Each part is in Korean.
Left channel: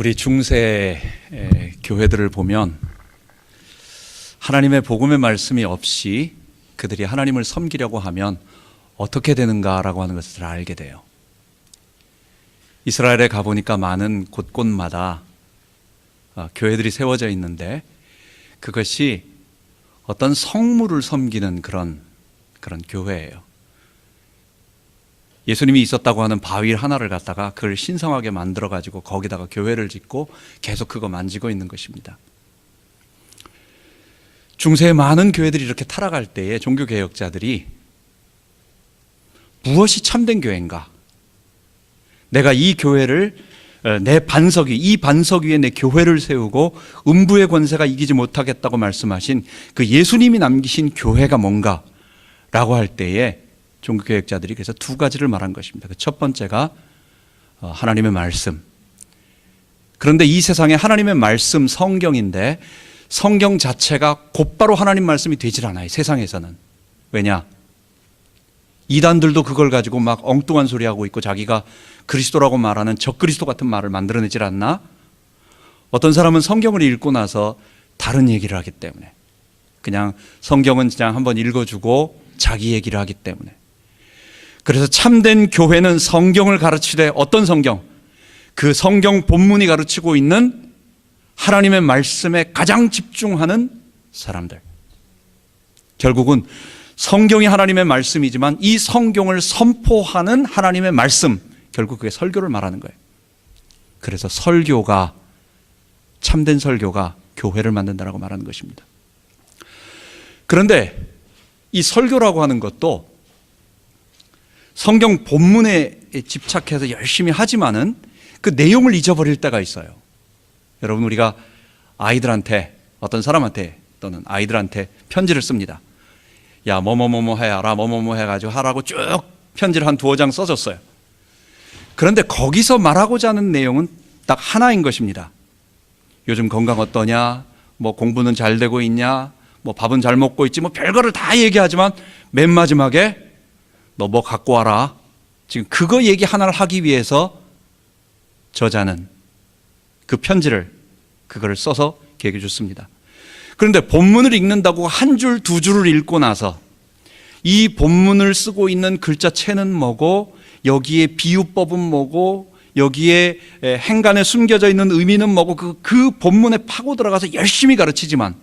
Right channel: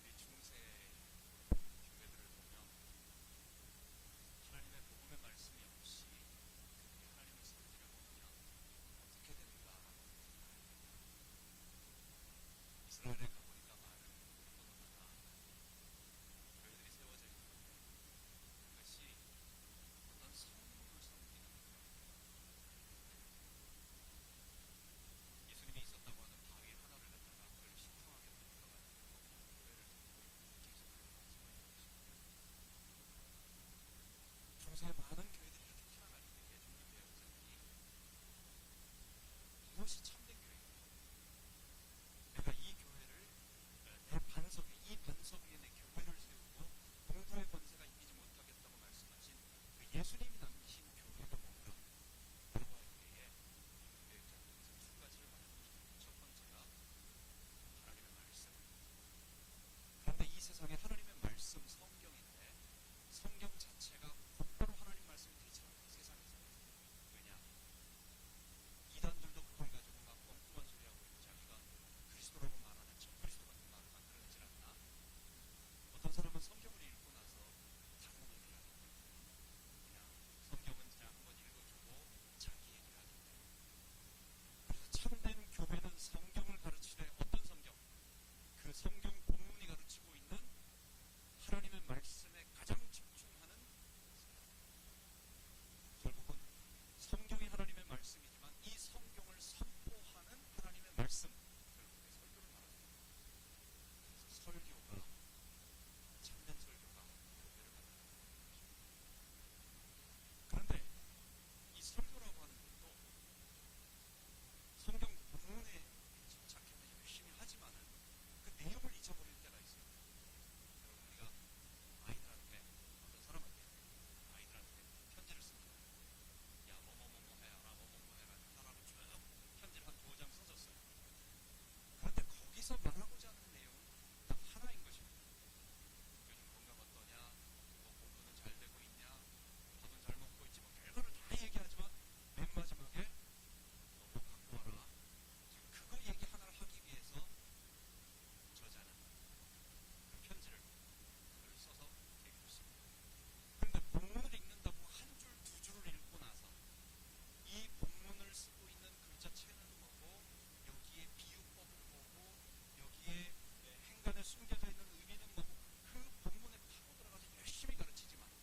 우리 중세 교회들을 보면 하나님의 복음의 말씀이 없이 그들이 하나님을 섬기려고 하면 어떻게 되는가라고 하는 것을 알게 돼요. 이스라엘에 가보니까 많은 곳곳마다 교회들이 세워져 있는데 그것이 어떤 성물을 섬기는 그런 교회예요. 예수님이 있었다고 하는 바위 하나를 갖다가 그걸 신성하게 만들어 가지고 거기다가 교회를 짓고 계속 그거 만지고 있는 것입니다. 중세의 많은 교회들이 이렇게 타락할 때에 종교개혁자들이 무엇이 참된 교회인가? 내가 이 교회를 이 반석 위에 내 교회를 세우고 음부의 권세가 이기지 못하겠다고 말씀하신 그 예수님이 남기신 교회가 뭔가? 라고 할 때에 종교개혁자들이 그래서 두 가지를 말한 것입니다. 그 첫 번째가 하나님의 말씀. 그런데 이 세상에 하나님의 말씀 성경인데 성경 자체가 곧바로 하나님 말씀이 되질 않아요. 세상에서는. 왜냐? 이단들도 그걸 가지고 막 엉뚱한 소리 하고 있고 자기가 그리스도라고 말하는 적그리스도 같은 말을 만들어내질 않나? 어떤 사람은 성경을 읽고 나서 다른 얘기를 하기 때문에 그냥 성경은 그냥 한번 읽어주고 자기 얘기를 하기 때문에. 그래서 참된 교회는 성경을 가르치되 어떤 성경? 그 성경 본문이 가르치고 있는 하나님의 말씀에 가장 집중하는 사람들. 결국은 성경이 하나님의 말씀이지만 이 성경을 선포하는 하나님의 말씀, 결국 그게 설교를 말하는 거예요. 그래서 설교가, 참된 설교가 교회를 만든다라고 말하는 것입니다. 그런데 이 설교라고 하는 것도 성경 본문에 집착해서 열심히 하지만은 그 내용을 잊어버릴 때가 있어요. 여러분, 우리가 아이들한테, 어떤 사람한테 또는 아이들한테 편지를 씁니다. 야, 뭐뭐뭐뭐 해라, 뭐뭐뭐 해가지고 하라고 쭉 편지를 한 2-5장 써줬어요. 그런데 거기서 말하고자 하는 내용은 딱 하나인 것입니다. 요즘 건강 어떠냐, 뭐 공부는 잘 되고 있냐, 뭐 밥은 잘 먹고 있지, 뭐 별거를 다 얘기하지만 맨 마지막에 너 뭐 갖고 와라. 지금 그거 얘기 하나를 하기 위해서 저자는 그 편지를 그거를 써서 걔에게 줬습니다. 그런데 본문을 읽는다고 한 줄, 2줄을 읽고 나서 이 본문을 쓰고 있는 글자체는 뭐고 여기에 비유법은 뭐고 여기에 행간에 숨겨져 있는 의미는 뭐고 그 본문에 파고 들어가서 열심히 가르치지만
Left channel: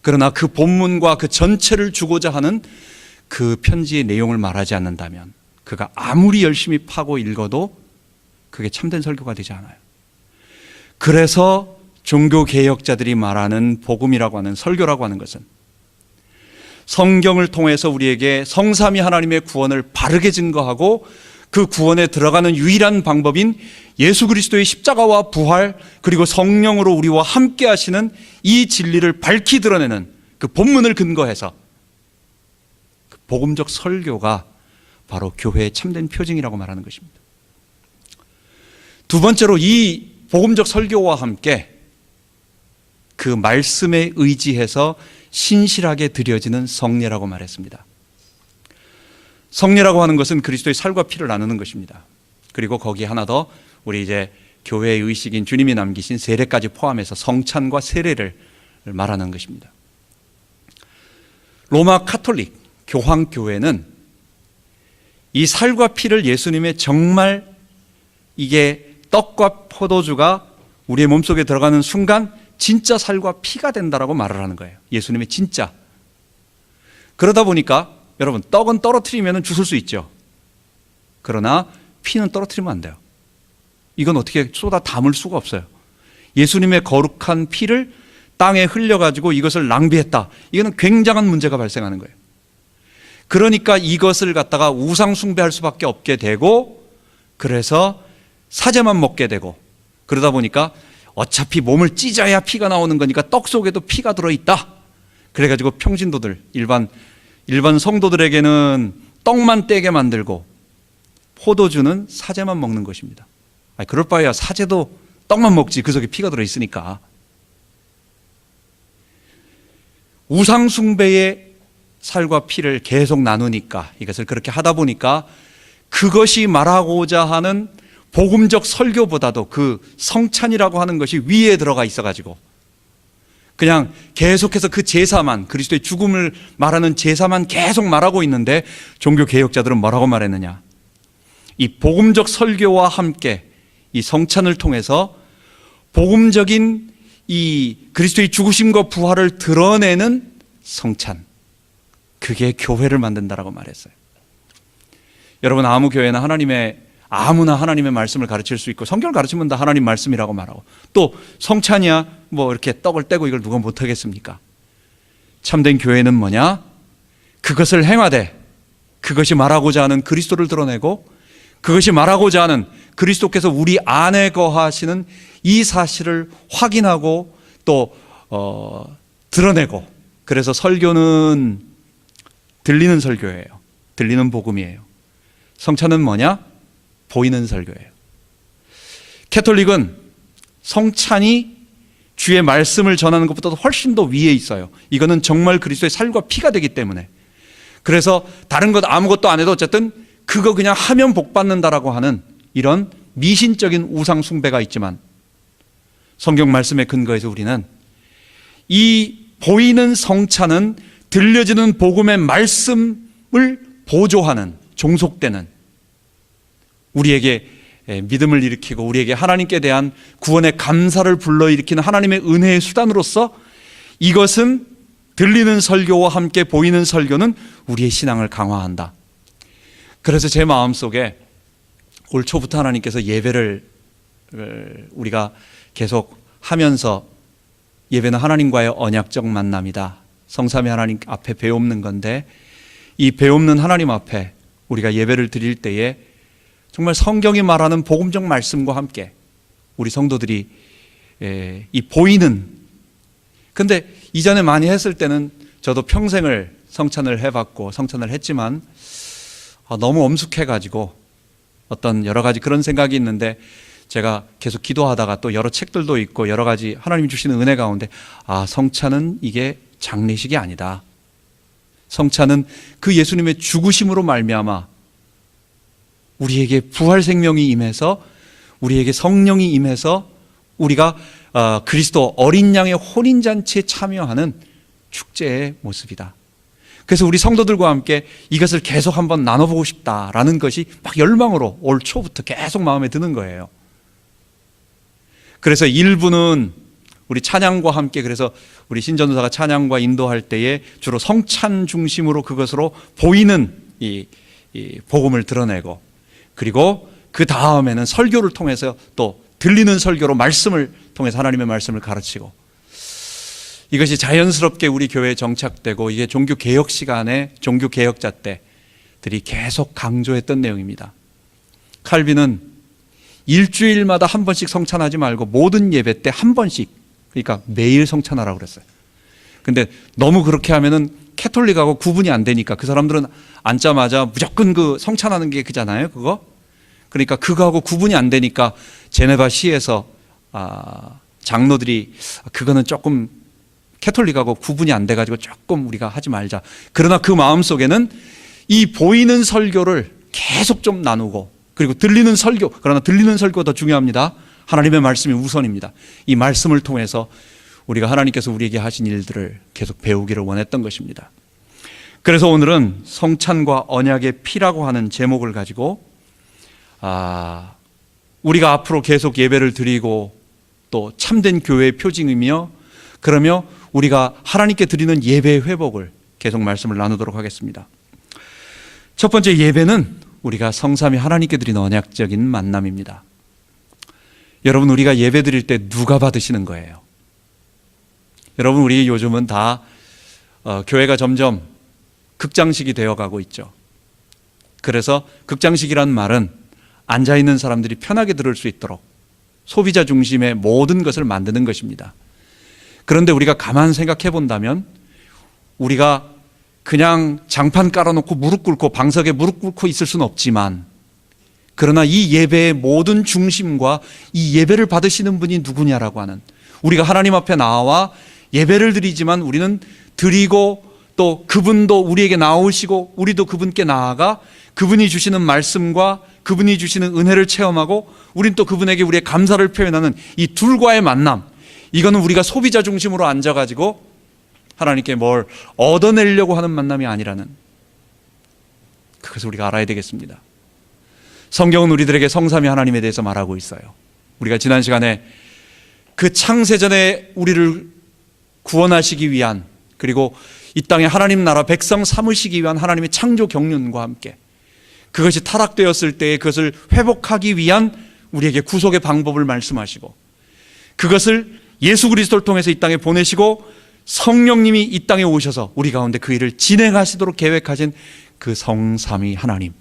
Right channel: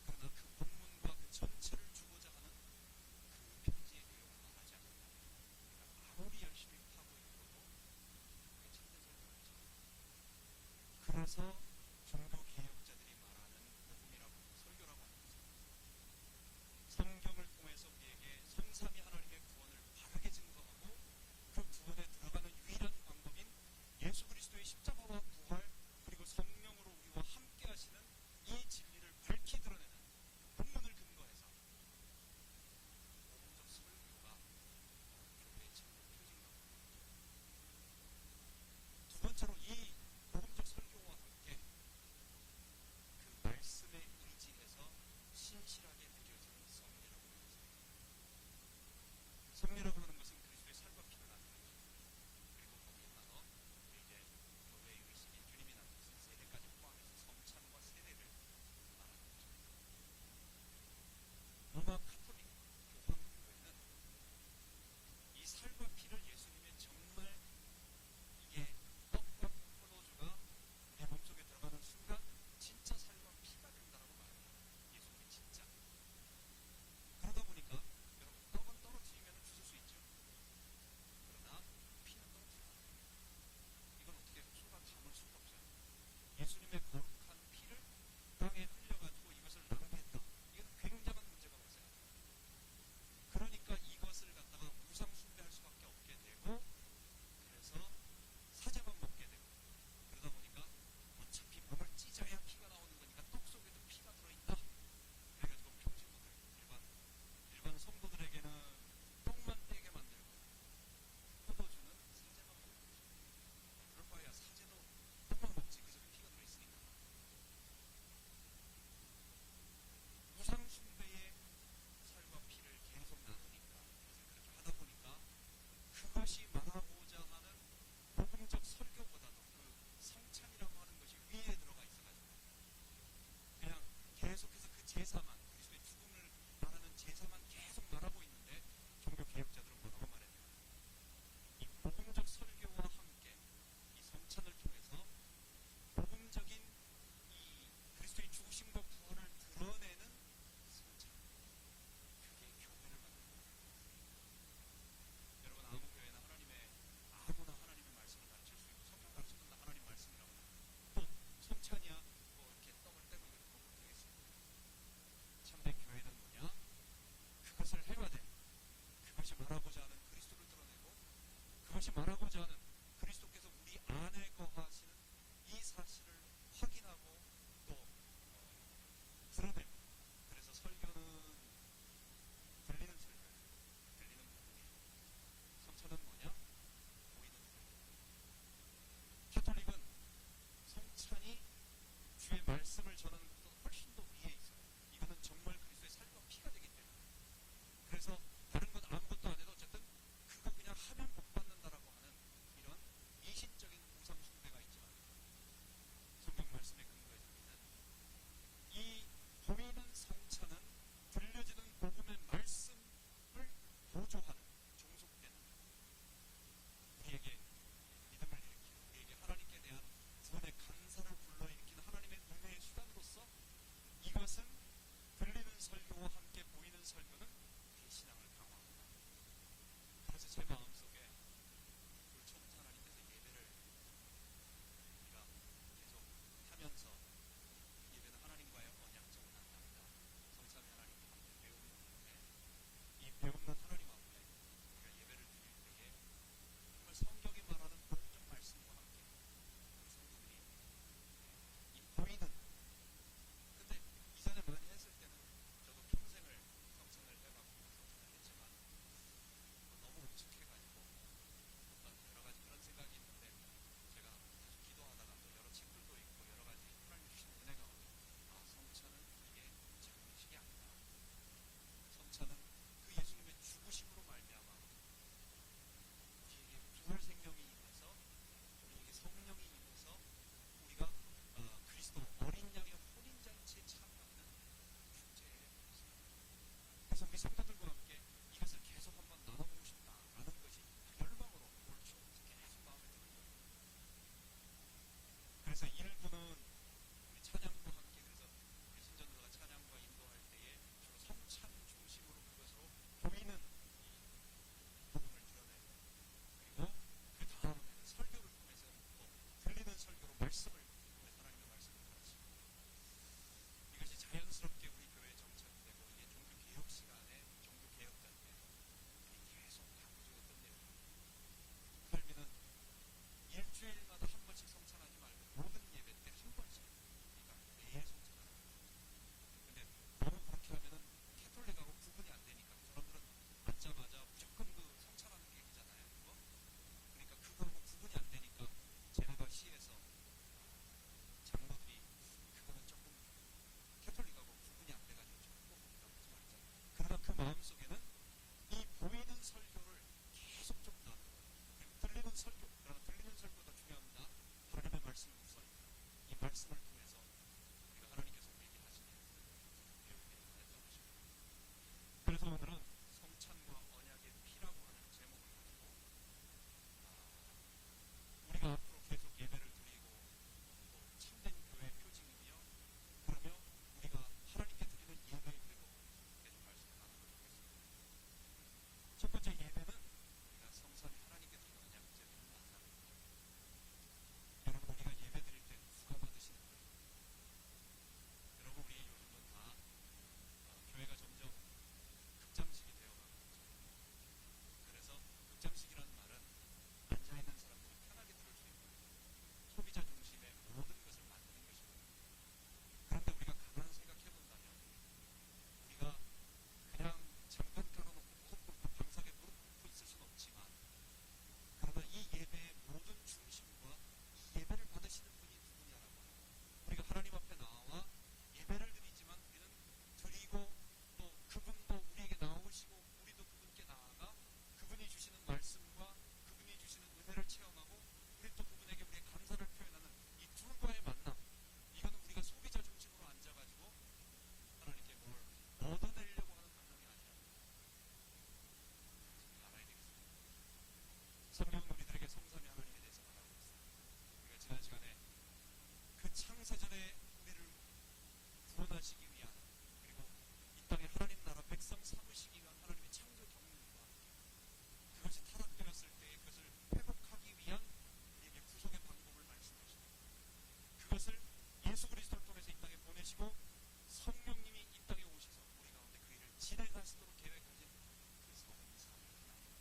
그러나 그 본문과 그 전체를 주고자 하는 그 편지의 내용을 말하지 않는다면 그가 아무리 열심히 파고 읽어도 그게 참된 설교가 되지 않아요. 그래서 종교개혁자들이 말하는 복음이라고 하는 설교라고 하는 것은 성경을 통해서 우리에게 성삼위 하나님의 구원을 바르게 증거하고 그 구원에 들어가는 유일한 방법인 예수 그리스도의 십자가와 부활 그리고 성령으로 우리와 함께 하시는 이 진리를 밝히 드러내는 그 본문을 근거해서 그 복음적 설교가 바로 교회의 참된 표징이라고 말하는 것입니다. 두 번째로 이 복음적 설교와 함께 그 말씀에 의지해서 신실하게 드려지는 성례라고 말했습니다. 성례라고 하는 것은 그리스도의 살과 피를 나누는 것입니다. 그리고 거기 하나 더 우리 이제 교회의 의식인 주님이 남기신 세례까지 포함해서 성찬과 세례를 말하는 것입니다. 로마 카톨릭 교황교회는 이 살과 피를 예수님의 정말 이게 떡과 포도주가 우리의 몸속에 들어가는 순간 진짜 살과 피가 된다라고 말을 하는 거예요. 예수님의 진짜. 그러다 보니까 여러분, 떡은 떨어뜨리면 주술 수 있죠. 그러나 피는 떨어뜨리면 안 돼요. 이건 어떻게 쏟아 담을 수가 없어요. 예수님의 거룩한 피를 땅에 흘려가지고 이것을 낭비했다. 이거는 굉장한 문제가 발생하는 거예요. 그러니까 이것을 갖다가 우상 숭배할 수밖에 없게 되고 그래서 사제만 먹게 되고 그러다 보니까 어차피 몸을 찢어야 피가 나오는 거니까 떡 속에도 피가 들어있다. 그래가지고 평신도들, 일반 성도들에게는 떡만 떼게 만들고 포도주는 사제만 먹는 것입니다. 그럴 바에야 사제도 떡만 먹지 그 속에 피가 들어있으니까. 우상 숭배의 살과 피를 계속 나누니까 이것을 그렇게 하다 보니까 그것이 말하고자 하는 복음적 설교보다도 그 성찬이라고 하는 것이 위에 들어가 있어가지고 그냥 계속해서 그 제사만, 그리스도의 죽음을 말하는 제사만 계속 말하고 있는데, 종교 개혁자들은 뭐라고 말했느냐? 이 복음적 설교와 함께 이 성찬을 통해서 복음적인 이 그리스도의 죽으심과 부활을 드러내는 성찬, 그게 교회를 만든다라고 말했어요. 여러분, 아무 교회나 아무나 하나님의 말씀을 가르칠 수 있고, 성경을 가르치면 다 하나님 말씀이라고 말하고, 또 성찬이야 뭐 이렇게 떡을 떼고 이걸 누가 못하겠습니까? 참된 교회는 뭐냐? 그것을 행하되 그것이 말하고자 하는 그리스도를 드러내고, 그것이 말하고자 하는 그리스도께서 우리 안에 거하시는 이 사실을 확인하고 또 드러내고, 그래서 설교는 들리는 설교예요. 들리는 복음이에요. 성찬은 뭐냐? 보이는 설교예요. 캐톨릭은 성찬이 주의 말씀을 전하는 것보다도 훨씬 더 위에 있어요. 이거는 정말 그리스도의 살과 피가 되기 때문에. 그래서 다른 것 아무것도 안 해도 어쨌든 그거 그냥 하면 복 받는다라고 하는 이런 미신적인 우상 숭배가 있지만, 성경 말씀에 근거해서 우리는 이 보이는 성찬은 들려지는 복음의 말씀을 보조하는, 종속되는, 우리에게 믿음을 일으키고 우리에게 하나님께 대한 구원의 감사를 불러일으키는 하나님의 은혜의 수단으로서, 이것은 들리는 설교와 함께 보이는 설교는 우리의 신앙을 강화한다. 그래서 제 마음속에 올 초부터 하나님께서 예배를 우리가 계속 하면서, 예배는 하나님과의 언약적 만남이다, 성삼위 하나님 앞에 배움는 건데, 이 배움는 하나님 앞에 우리가 예배를 드릴 때에 정말 성경이 말하는 복음적 말씀과 함께 우리 성도들이 이 보이는, 근데 이전에 많이 했을 때는 저도 평생을 성찬을 해봤고 성찬을 했지만 너무 엄숙해가지고 어떤 여러 가지 그런 생각이 있는데, 제가 계속 기도하다가 또 여러 책들도 있고 여러 가지 하나님이 주시는 은혜 가운데, 성찬은 이게 장례식이 아니다. 성찬은 그 예수님의 죽으심으로 말미암아 우리에게 부활 생명이 임해서, 우리에게 성령이 임해서 우리가 그리스도 어린 양의 혼인잔치에 참여하는 축제의 모습이다. 그래서 우리 성도들과 함께 이것을 계속 한번 나눠보고 싶다라는 것이 막 열망으로 올 초부터 계속 마음에 드는 거예요. 그래서 일부는 우리 찬양과 함께, 그래서 우리 신전도사가 찬양과 인도할 때에 주로 성찬 중심으로 그것으로 보이는 이 복음을 드러내고, 그리고 그 다음에는 설교를 통해서 또 들리는 설교로 말씀을 통해서 하나님의 말씀을 가르치고, 이것이 자연스럽게 우리 교회에 정착되고, 이게 종교 개혁 시간에 종교 개혁자 때들이 계속 강조했던 내용입니다. 칼빈은 일주일마다 한 번씩 성찬하지 말고 모든 예배 때 한 번씩, 그러니까 매일 성찬하라고 그랬어요. 근데 너무 그렇게 하면은 캐톨릭하고 구분이 안 되니까, 그 사람들은 앉자마자 무조건 그 성찬하는 게 그잖아요, 그거. 그러니까 그거하고 구분이 안 되니까 제네바 시에서 장로들이 그거는 조금 캐톨릭하고 구분이 안 돼가지고 조금 우리가 하지 말자. 그러나 그 마음속에는 이 보이는 설교를 계속 좀 나누고, 그리고 들리는 설교, 그러나 들리는 설교가 더 중요합니다. 하나님의 말씀이 우선입니다. 이 말씀을 통해서 우리가 하나님께서 우리에게 하신 일들을 계속 배우기를 원했던 것입니다. 그래서 오늘은 성찬과 언약의 피라고 하는 제목을 가지고 우리가 앞으로 계속 예배를 드리고 또 참된 교회의 표징이며, 그러며 우리가 하나님께 드리는 예배의 회복을 계속 말씀을 나누도록 하겠습니다. 첫 번째 예배는 우리가 성삼위 하나님께 드리는 언약적인 만남입니다. 여러분, 우리가 예배 드릴 때 누가 받으시는 거예요? 여러분, 우리 요즘은 다 교회가 점점 극장식이 되어가고 있죠. 그래서 극장식이란 말은 앉아있는 사람들이 편하게 들을 수 있도록 소비자 중심의 모든 것을 만드는 것입니다. 그런데 우리가 가만 생각해 본다면, 우리가 그냥 장판 깔아놓고 무릎 꿇고 방석에 무릎 꿇고 있을 수는 없지만, 그러나 이 예배의 모든 중심과 이 예배를 받으시는 분이 누구냐라고 하는, 우리가 하나님 앞에 나와 예배를 드리지만 우리는 드리고 또 그분도 우리에게 나오시고 우리도 그분께 나아가 그분이 주시는 말씀과 그분이 주시는 은혜를 체험하고 우린 또 그분에게 우리의 감사를 표현하는 이 둘과의 만남, 이거는 우리가 소비자 중심으로 앉아가지고 하나님께 뭘 얻어내려고 하는 만남이 아니라는, 그것을 우리가 알아야 되겠습니다. 성경은 우리들에게 성삼위 하나님에 대해서 말하고 있어요. 우리가 지난 시간에 그 창세전에 우리를 구원하시기 위한, 그리고 이 땅에 하나님 나라 백성 삼으시기 위한 하나님의 창조 경륜과 함께 그것이 타락되었을 때에 그것을 회복하기 위한 우리에게 구속의 방법을 말씀하시고, 그것을 예수 그리스도를 통해서 이 땅에 보내시고 성령님이 이 땅에 오셔서 우리 가운데 그 일을 진행하시도록 계획하신 그 성삼위 하나님,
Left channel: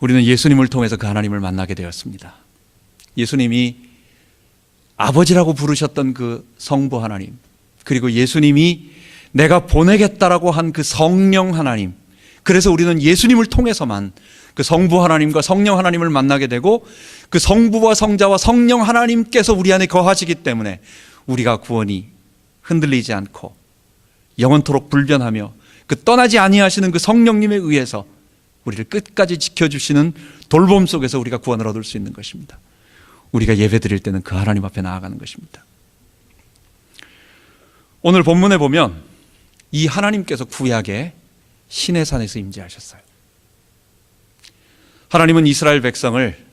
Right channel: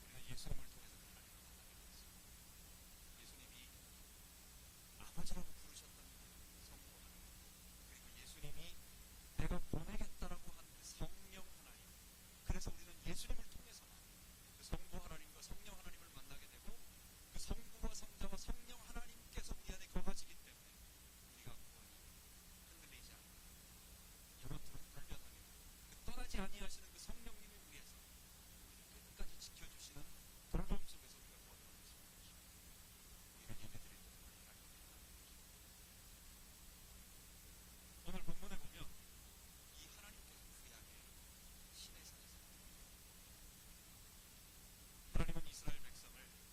우리는 예수님을 통해서 그 하나님을 만나게 되었습니다. 예수님이 아버지라고 부르셨던 그 성부 하나님, 그리고 예수님이 내가 보내겠다라고 한 그 성령 하나님, 그래서 우리는 예수님을 통해서만 그 성부 하나님과 성령 하나님을 만나게 되고, 그 성부와 성자와 성령 하나님께서 우리 안에 거하시기 때문에 우리가 구원이 흔들리지 않고 영원토록 불변하며 그 떠나지 아니하시는 그 성령님에 의해서 우리를 끝까지 지켜주시는 돌봄 속에서 우리가 구원을 얻을 수 있는 것입니다. 우리가 예배 드릴 때는 그 하나님 앞에 나아가는 것입니다. 오늘 본문에 보면 이 하나님께서 구약에 시내산에서 임재하셨어요. 하나님은 이스라엘 백성을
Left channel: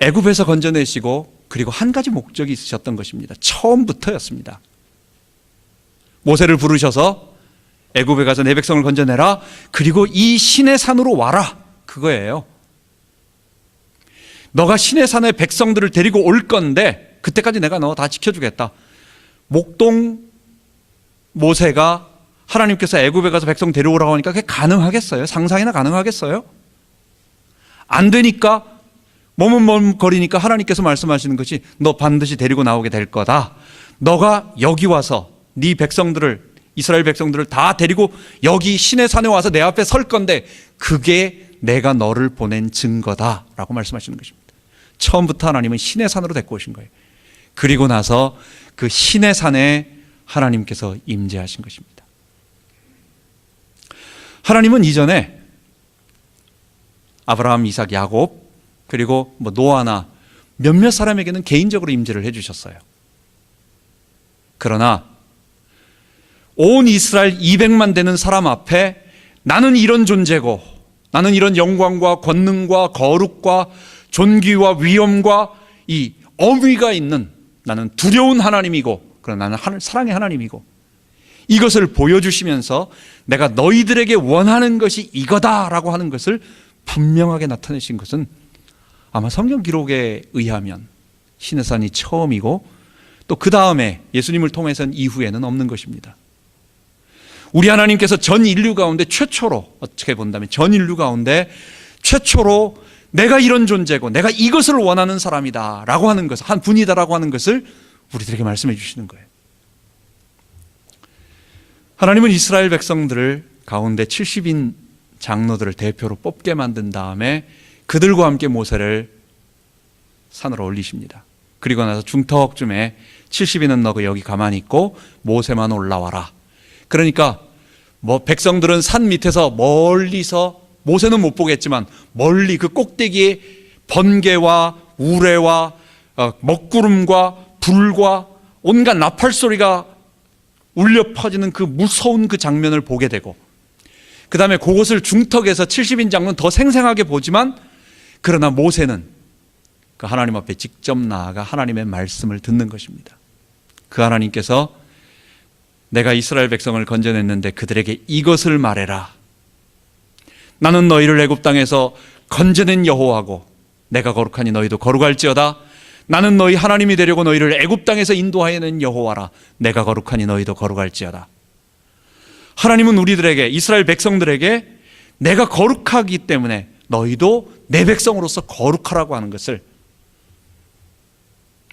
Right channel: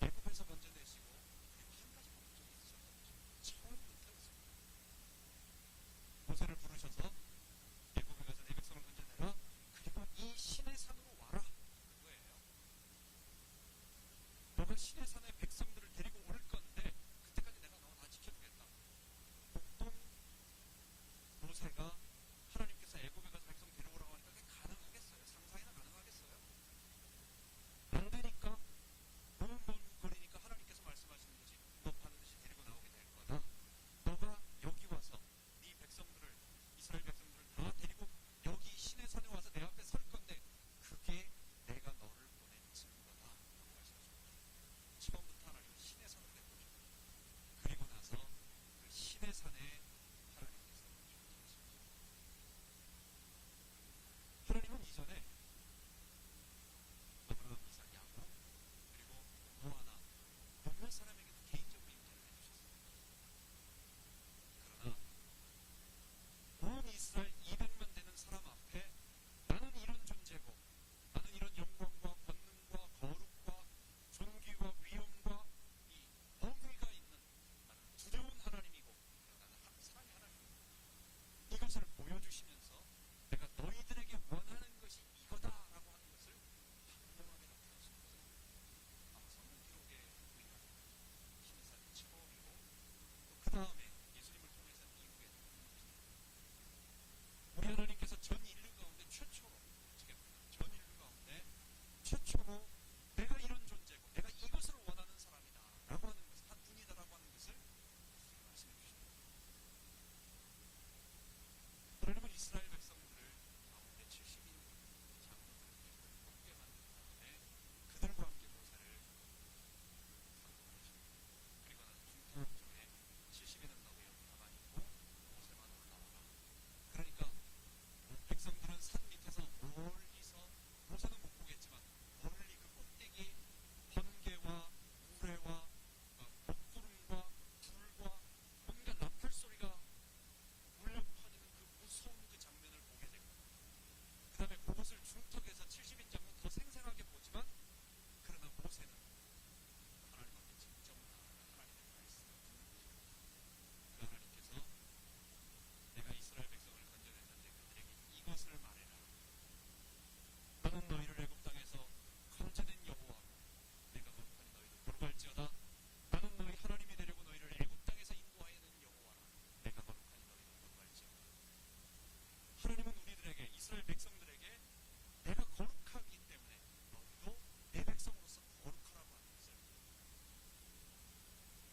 애굽에서 건져내시고, 그리고 한 가지 목적이 있으셨던 것입니다. 처음부터였습니다. 모세를 부르셔서 애굽에 가서 내 백성을 건져내라, 그리고 이 시내산으로 와라, 그거예요. 너가 시내산에 백성들을 데리고 올 건데 그때까지 내가 너 다 지켜주겠다. 목동 모세가 하나님께서 애굽에 가서 백성 데려오라고 하니까 그게 가능하겠어요? 상상이나 가능하겠어요? 안 되니까, 머뭇머뭇거리니까 하나님께서 말씀하시는 것이 너 반드시 데리고 나오게 될 거다. 너가 여기 와서 네 백성들을, 이스라엘 백성들을 다 데리고 여기 시내산에 와서 내 앞에 설 건데 그게 내가 너를 보낸 증거다 라고 말씀하시는 것입니다. 처음부터 하나님은 시내산으로 데리고 오신 거예요. 그리고 나서 그 시내산에 하나님께서 임재하신 것입니다. 하나님은 이전에 아브라함, 이삭, 야곱, 그리고 노아나 몇몇 사람에게는 개인적으로 임재를 해주셨어요. 그러나 온 이스라엘 200만 되는 사람 앞에 나는 이런 존재고, 나는 이런 영광과 권능과 거룩과 존귀와 위엄과 이 어미가 있는, 나는 두려운 하나님이고, 그러나 나는 사랑의 하나님이고, 이것을 보여주시면서 내가 너희들에게 원하는 것이 이거다라고 하는 것을 분명하게 나타내신 것은 아마 성경 기록에 의하면 시내산이 처음이고, 또 그 다음에 예수님을 통해서는 이후에는 없는 것입니다. 우리 하나님께서 전 인류 가운데 최초로, 어떻게 본다면 전 인류 가운데 최초로 내가 이런 존재고 내가 이것을 원하는 사람이다 라고 하는 것, 한 분이다라고 하는 것을 우리들에게 말씀해 주시는 거예요. 하나님은 이스라엘 백성들을 가운데 70인 장로들을 대표로 뽑게 만든 다음에 그들과 함께 모세를 산으로 올리십니다. 그리고 나서 중턱쯤에 70인은 너가 여기 가만히 있고 모세만 올라와라. 그러니까 백성들은 산 밑에서 멀리서, 모세는 못 보겠지만 멀리 그 꼭대기에 번개와 우레와 먹구름과 불과 온갖 나팔 소리가 울려 퍼지는 그 무서운 그 장면을 보게 되고, 그 다음에 그곳을 중턱에서 70인 장로는 더 생생하게 보지만, 그러나 모세는 그 하나님 앞에 직접 나아가 하나님의 말씀을 듣는 것입니다. 그 하나님께서 내가 이스라엘 백성을 건져냈는데 그들에게 이것을 말해라. 나는 너희를 애굽 땅에서 건져낸 여호와고 내가 거룩하니 너희도 거룩할지어다. 나는 너희 하나님이 되려고 너희를 애굽 땅에서 인도하여 낸 여호와라. 내가 거룩하니 너희도 거룩할지어다. 하나님은 우리들에게, 이스라엘 백성들에게 내가 거룩하기 때문에 너희도 내 백성으로서 거룩하라고 하는 것을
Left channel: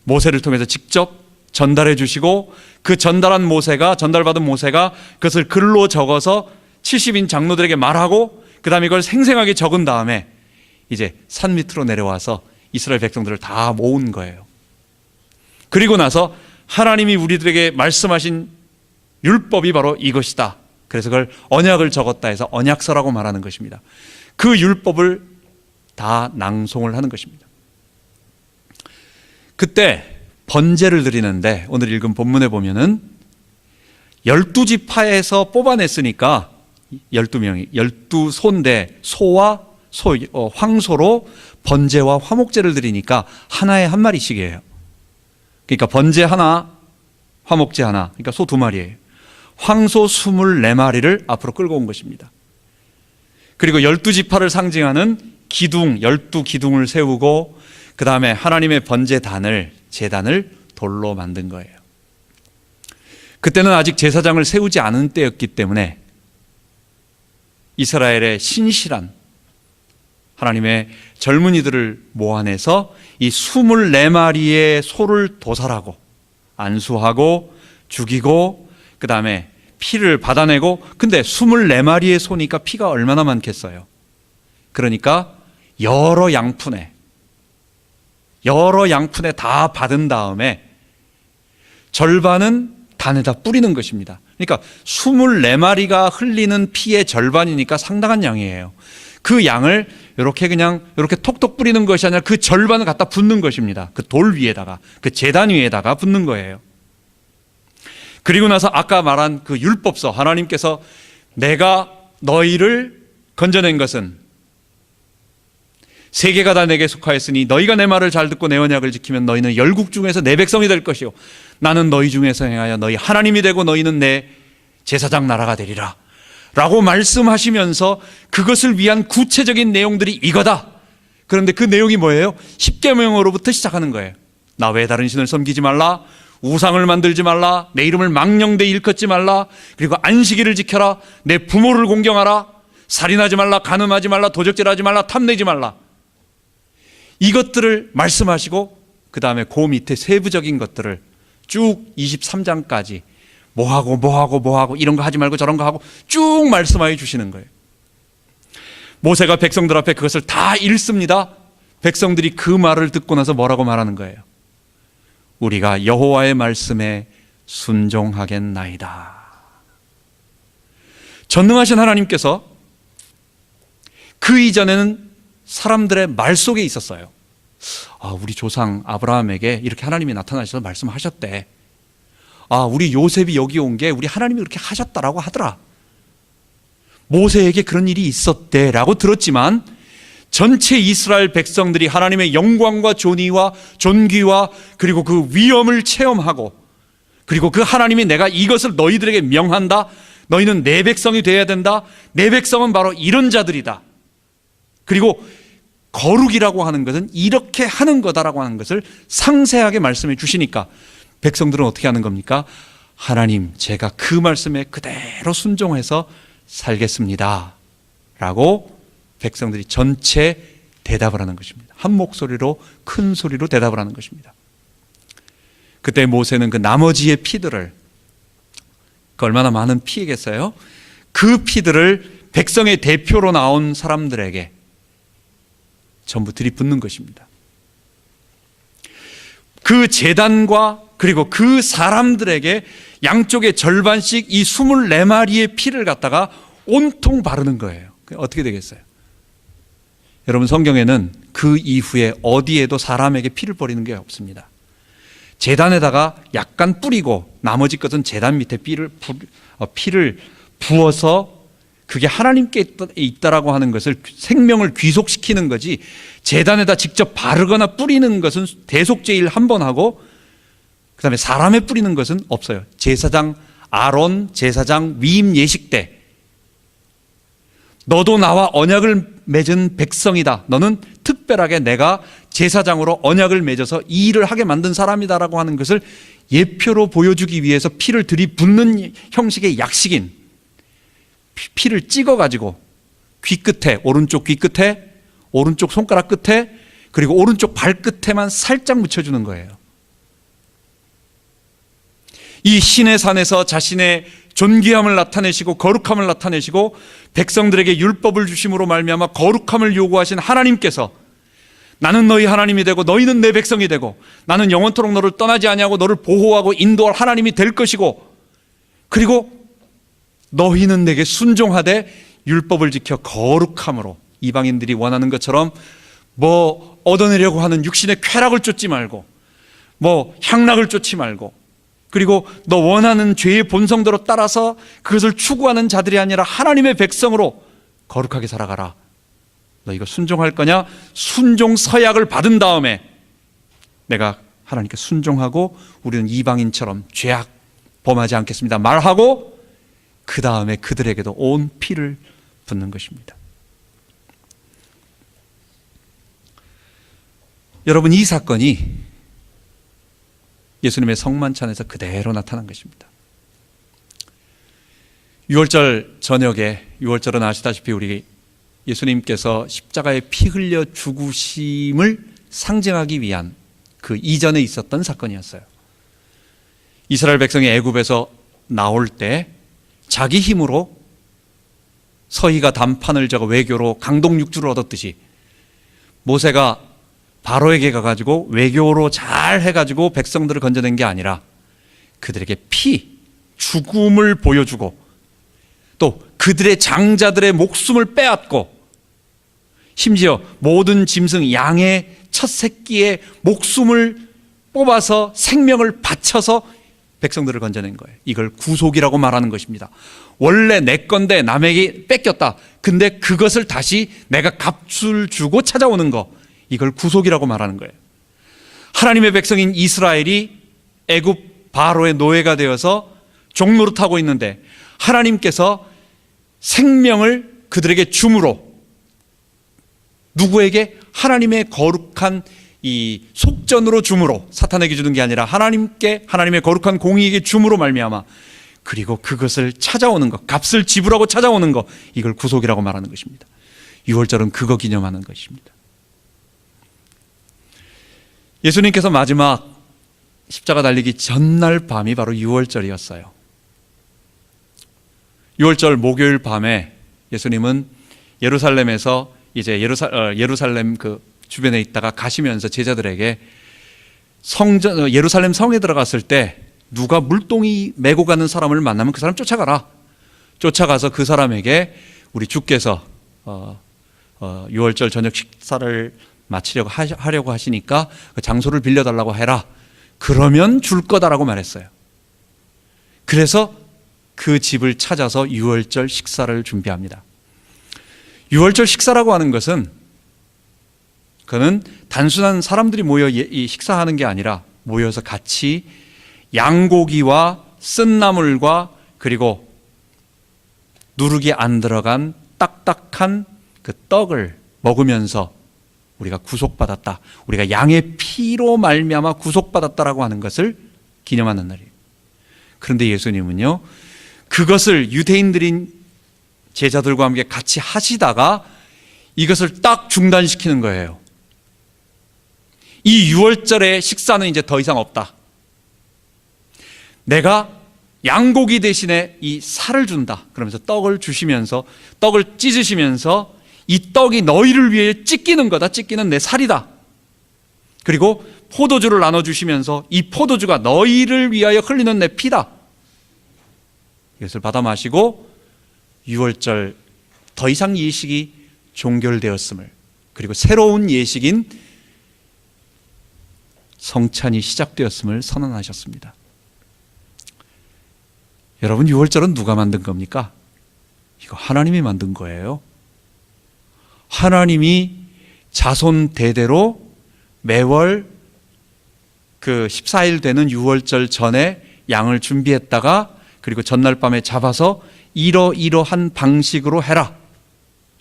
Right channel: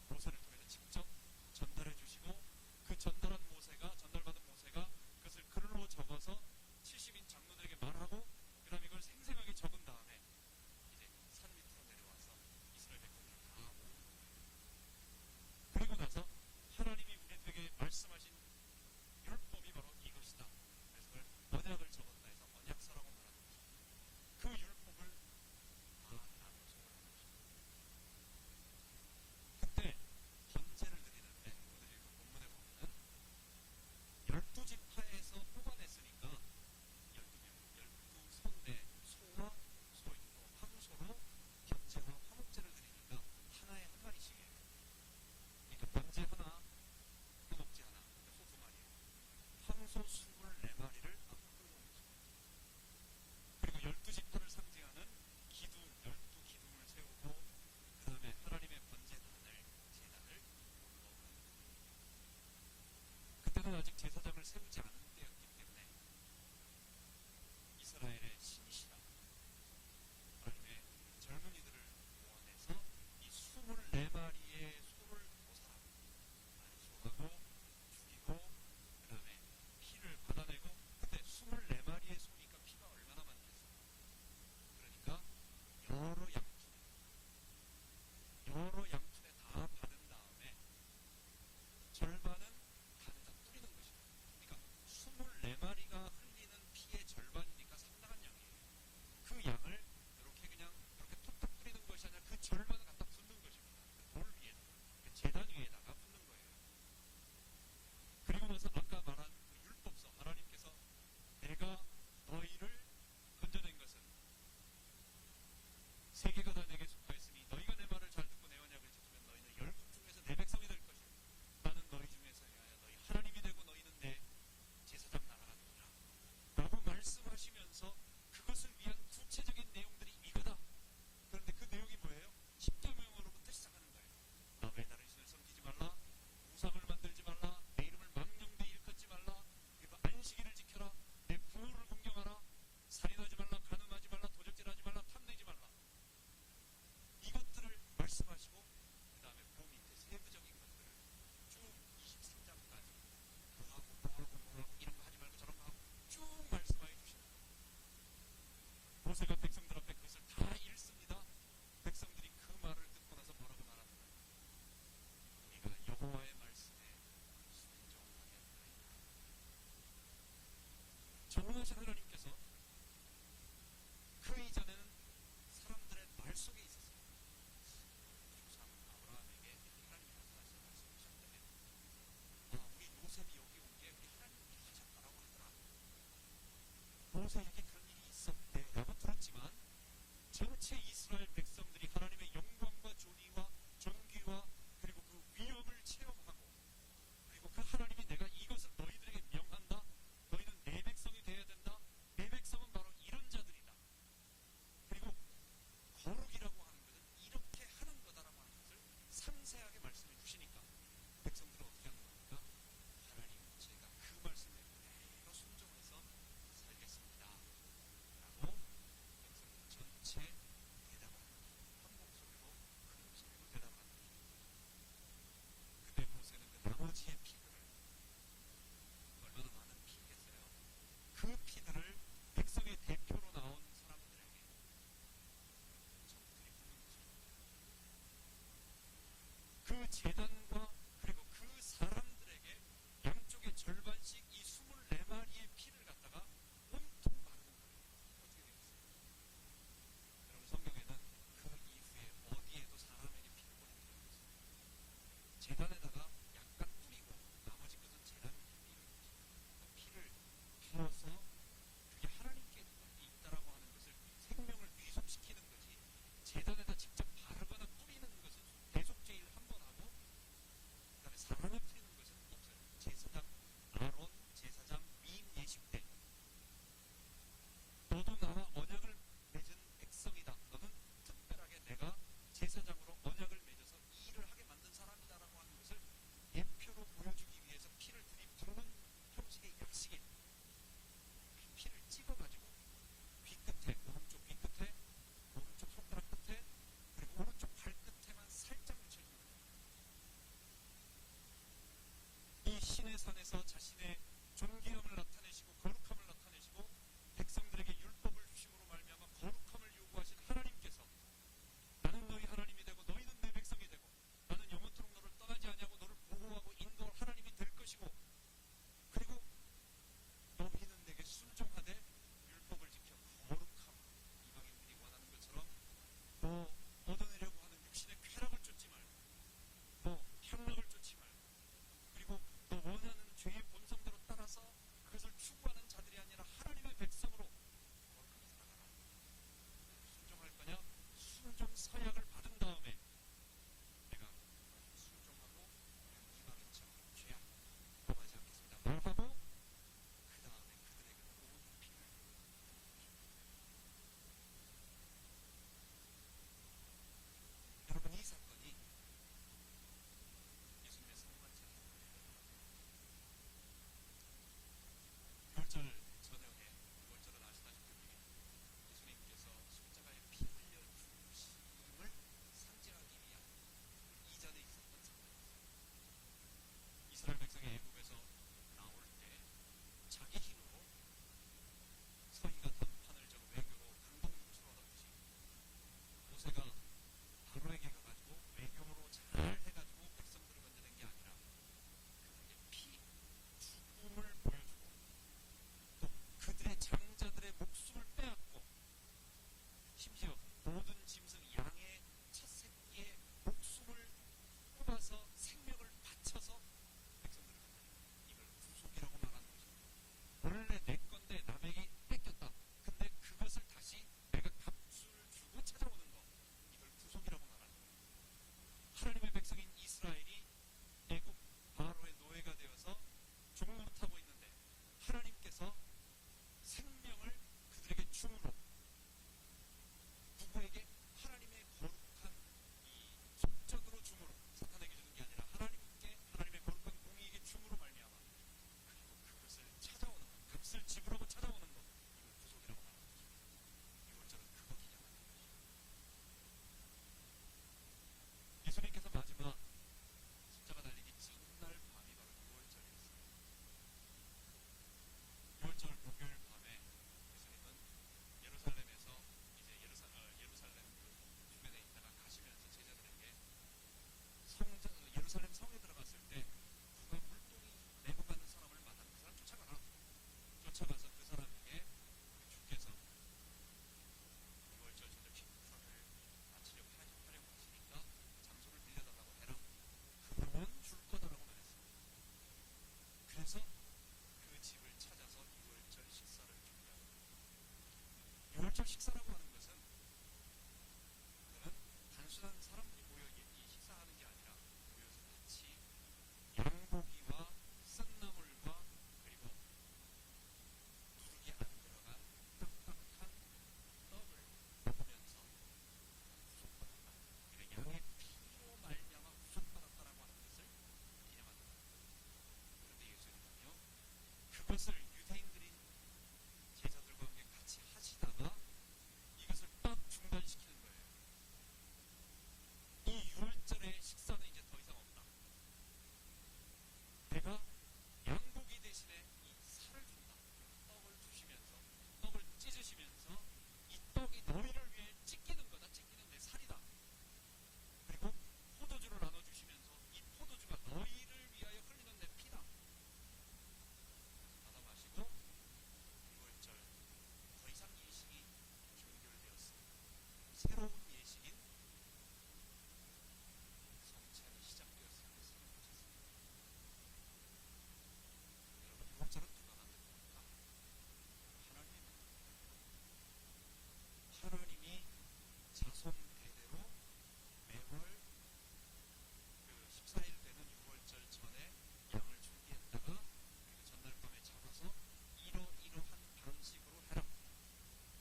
모세를 통해서 직접 전달해 주시고, 그 전달받은 모세가 그것을 글로 적어서 70인 장로들에게 말하고, 그 다음에 이걸 생생하게 적은 다음에 이제 산 밑으로 내려와서 이스라엘 백성들을 다 모은 거예요. 그리고 나서 하나님이 우리들에게 말씀하신 율법이 바로 이것이다. 그래서 그걸 언약을 적었다 해서 언약서라고 말하는 것입니다. 그 율법을 다 낭송을 하는 것입니다. 그때 번제를 드리는데 오늘 읽은 본문에 보면은 12지파에서 뽑아냈으니까 12명이 12소인데 소와 황소로 번제와 화목제를 드리니까 하나에 한 마리씩이에요. 그러니까 번제 하나, 화목제 하나, 그러니까 소 2마리예요. 황소 24마리를 앞으로 끌고 온 것입니다. 그리고 12지파를 상징하는 기둥, 12기둥을 세우고 그 다음에 하나님의 번제단을, 제단을 돌로 만든 거예요. 그때는 아직 제사장을 세우지 않은 때였기 때문에 이스라엘의 신실한 하나님의 젊은이들을 모아내서 이 24마리의 소를 도살하고 안수하고 죽이고 그 다음에 피를 받아내고, 근데 24마리의 소니까 피가 얼마나 많겠어요. 그러니까 여러 양푼에 다 받은 다음에 절반은 단에다 뿌리는 것입니다. 그러니까 24마리가 흘리는 피의 절반이니까 상당한 양이에요. 그 양을 이렇게 톡톡 뿌리는 것이 아니라 그 절반을 갖다 붓는 것입니다. 그 돌 위에다가, 그 제단 위에다가 붓는 거예요. 그리고 나서 아까 말한 그 율법서, 하나님께서 내가 너희를 건져낸 것은 세계가 다 내게 속하였으니 너희가 내 말을 잘 듣고 내 언약을 지키면 너희는 열국 중에서 내 백성이 될 것이요 나는 너희 중에서 행하여 너희 하나님이 되고 너희는 내 제사장 나라가 되리라 라고 말씀하시면서 그것을 위한 구체적인 내용들이 이거다. 그런데 그 내용이 뭐예요? 10계명으로부터 시작하는 거예요. 나 외에 다른 신을 섬기지 말라, 우상을 만들지 말라, 내 이름을 망령되이 일컫지 말라, 그리고 안식일을 지켜라, 내 부모를 공경하라, 살인하지 말라, 간음하지 말라, 도적질하지 말라, 탐내지 말라. 이것들을 말씀하시고 그 다음에 그 밑에 세부적인 것들을 쭉 23장까지 뭐하고 이런 거 하지 말고 저런 거 하고 쭉 말씀하여 주시는 거예요. 모세가 백성들 앞에 그것을 다 읽습니다. 백성들이 그 말을 듣고 나서 뭐라고 말하는 거예요? 우리가 여호와의 말씀에 순종하겠나이다. 전능하신 하나님께서 그 이전에는 사람들의 말 속에 있었어요. 우리 조상 아브라함에게 이렇게 하나님이 나타나셔서 말씀하셨대. 우리 요셉이 여기 온 게 우리 하나님이 그렇게 하셨다라고 하더라. 모세에게 그런 일이 있었대라고 들었지만 전체 이스라엘 백성들이 하나님의 영광과 존귀와 그리고 그 위엄을 체험하고, 그리고 그 하나님이 내가 이것을 너희들에게 명한다, 너희는 내 백성이 되어야 된다, 내 백성은 바로 이런 자들이다, 그리고 거룩이라고 하는 것은 이렇게 하는 거다라고 하는 것을 상세하게 말씀해 주시니까 백성들은 어떻게 하는 겁니까? 하나님, 제가 그 말씀에 그대로 순종해서 살겠습니다 라고 백성들이 전체 대답을 하는 것입니다. 한 목소리로, 큰 소리로 대답을 하는 것입니다. 그때 모세는 그 나머지의 피들을, 그 얼마나 많은 피겠어요? 그 피들을 백성의 대표로 나온 사람들에게 전부 들이붓는 것입니다. 그 제단과 그리고 그 사람들에게 양쪽의 절반씩 이 24마리의 피를 갖다가 온통 바르는 거예요. 어떻게 되겠어요? 여러분, 성경에는 그 이후에 어디에도 사람에게 피를 버리는 게 없습니다. 제단에다가 약간 뿌리고 나머지 것은 제단 밑에 피를 부어서 그게 하나님께 있다라고 하는 것을, 생명을 귀속시키는 거지, 제단에다 직접 바르거나 뿌리는 것은 대속제일 한 번 하고 그 다음에 사람에 뿌리는 것은 없어요. 제사장 아론 제사장 위임 예식 때 너도 나와 언약을 맺은 백성이다, 너는 특별하게 내가 제사장으로 언약을 맺어서 이 일을 하게 만든 사람이다라고 하는 것을 예표로 보여주기 위해서 피를 들이붓는 형식의 약식인 피를 찍어가지고 귀끝에, 오른쪽 귀끝에, 오른쪽 손가락 끝에, 그리고 오른쪽 발끝에만 살짝 묻혀주는 거예요. 이 신의 산에서 자신의 존귀함을 나타내시고 거룩함을 나타내시고 백성들에게 율법을 주심으로 말미암아 거룩함을 요구하신 하나님께서 나는 너희 하나님이 되고 너희는 내 백성이 되고 나는 영원토록 너를 떠나지 아니하고 너를 보호하고 인도할 하나님이 될 것이고, 그리고 너희는 내게 순종하되 율법을 지켜 거룩함으로 이방인들이 원하는 것처럼 뭐 얻어내려고 하는 육신의 쾌락을 쫓지 말고, 뭐 향락을 쫓지 말고, 그리고 너 원하는 죄의 본성대로 따라서 그것을 추구하는 자들이 아니라 하나님의 백성으로 거룩하게 살아가라. 너 이거 순종할 거냐? 순종 서약을 받은 다음에 내가 하나님께 순종하고 우리는 이방인처럼 죄악 범하지 않겠습니다 말하고, 그 다음에 그들에게도 온 피를 붓는 것입니다. 여러분, 이 사건이 예수님의 성만찬에서 그대로 나타난 것입니다. 6월절 저녁에, 6월절은 아시다시피 우리 예수님께서 십자가에 피 흘려 죽으심을 상징하기 위한 그 이전에 있었던 사건이었어요. 이스라엘 백성이 애굽에서 나올 때 자기 힘으로 서희가 단판을 적어 외교로 강동육주를 얻었듯이 모세가 바로에게 가가지고 외교로 잘 해가지고 백성들을 건져낸 게 아니라 그들에게 피, 죽음을 보여주고 또 그들의 장자들의 목숨을 빼앗고 심지어 모든 짐승 양의 첫 새끼의 목숨을 뽑아서 생명을 바쳐서 백성들을 건져낸 거예요. 이걸 구속이라고 말하는 것입니다. 원래 내 건데 남에게 뺏겼다. 근데 그것을 다시 내가 값을 주고 찾아오는 거, 이걸 구속이라고 말하는 거예요. 하나님의 백성인 이스라엘이 애굽 바로의 노예가 되어서 종노릇하고 있는데 하나님께서 생명을 그들에게 줌으로, 누구에게? 하나님의 거룩한 이 속전으로 줌으로, 사탄에게 주는 게 아니라 하나님께, 하나님의 거룩한 공의에게 줌으로 말미암아, 그리고 그것을 찾아오는 것, 값을 지불하고 찾아오는 것, 이걸 구속이라고 말하는 것입니다. 6월절은 그거 기념하는 것입니다. 예수님께서 마지막 십자가 달리기 전날 밤이 바로 6월절이었어요. 6월절 목요일 밤에 예수님은 예루살렘에서 이제 예루살렘 그 주변에 있다가 가시면서 제자들에게 예루살렘 성에 들어갔을 때 누가 물동이 메고 가는 사람을 만나면 그 사람 쫓아가라. 쫓아가서 그 사람에게 우리 주께서 6월절 저녁 식사를 하려고 하시니까 그 장소를 빌려달라고 해라. 그러면 줄 거다라고 말했어요. 그래서 그 집을 찾아서 6월절 식사를 준비합니다. 6월절 식사라고 하는 것은 그는 단순한 사람들이 모여 식사하는 게 아니라 모여서 같이 양고기와 쓴나물과 그리고 누룩이 안 들어간 딱딱한 그 떡을 먹으면서 우리가 구속받았다, 우리가 양의 피로 말미암아 구속받았다라고 하는 것을 기념하는 날이에요. 그런데 예수님은요, 그것을 유대인들인 제자들과 함께 같이 하시다가 이것을 딱 중단시키는 거예요. 이 6월절의 식사는 이제 더 이상 없다. 내가 양고기 대신에 이 살을 준다. 그러면서 떡을 주시면서, 떡을 찢으시면서 이 떡이 너희를 위해 찢기는 거다. 찢기는 내 살이다. 그리고 포도주를 나눠주시면서 이 포도주가 너희를 위하여 흘리는 내 피다. 이것을 받아 마시고 6월절 더 이상 예식이 종결되었음을, 그리고 새로운 예식인 성찬이 시작되었음을 선언하셨습니다. 여러분, 6월절은 누가 만든 겁니까? 이거 하나님이 만든 거예요. 하나님이 자손 대대로 매월 그 14일 되는 6월절 전에 양을 준비했다가 그리고 전날 밤에 잡아서 이러이러한 방식으로 해라.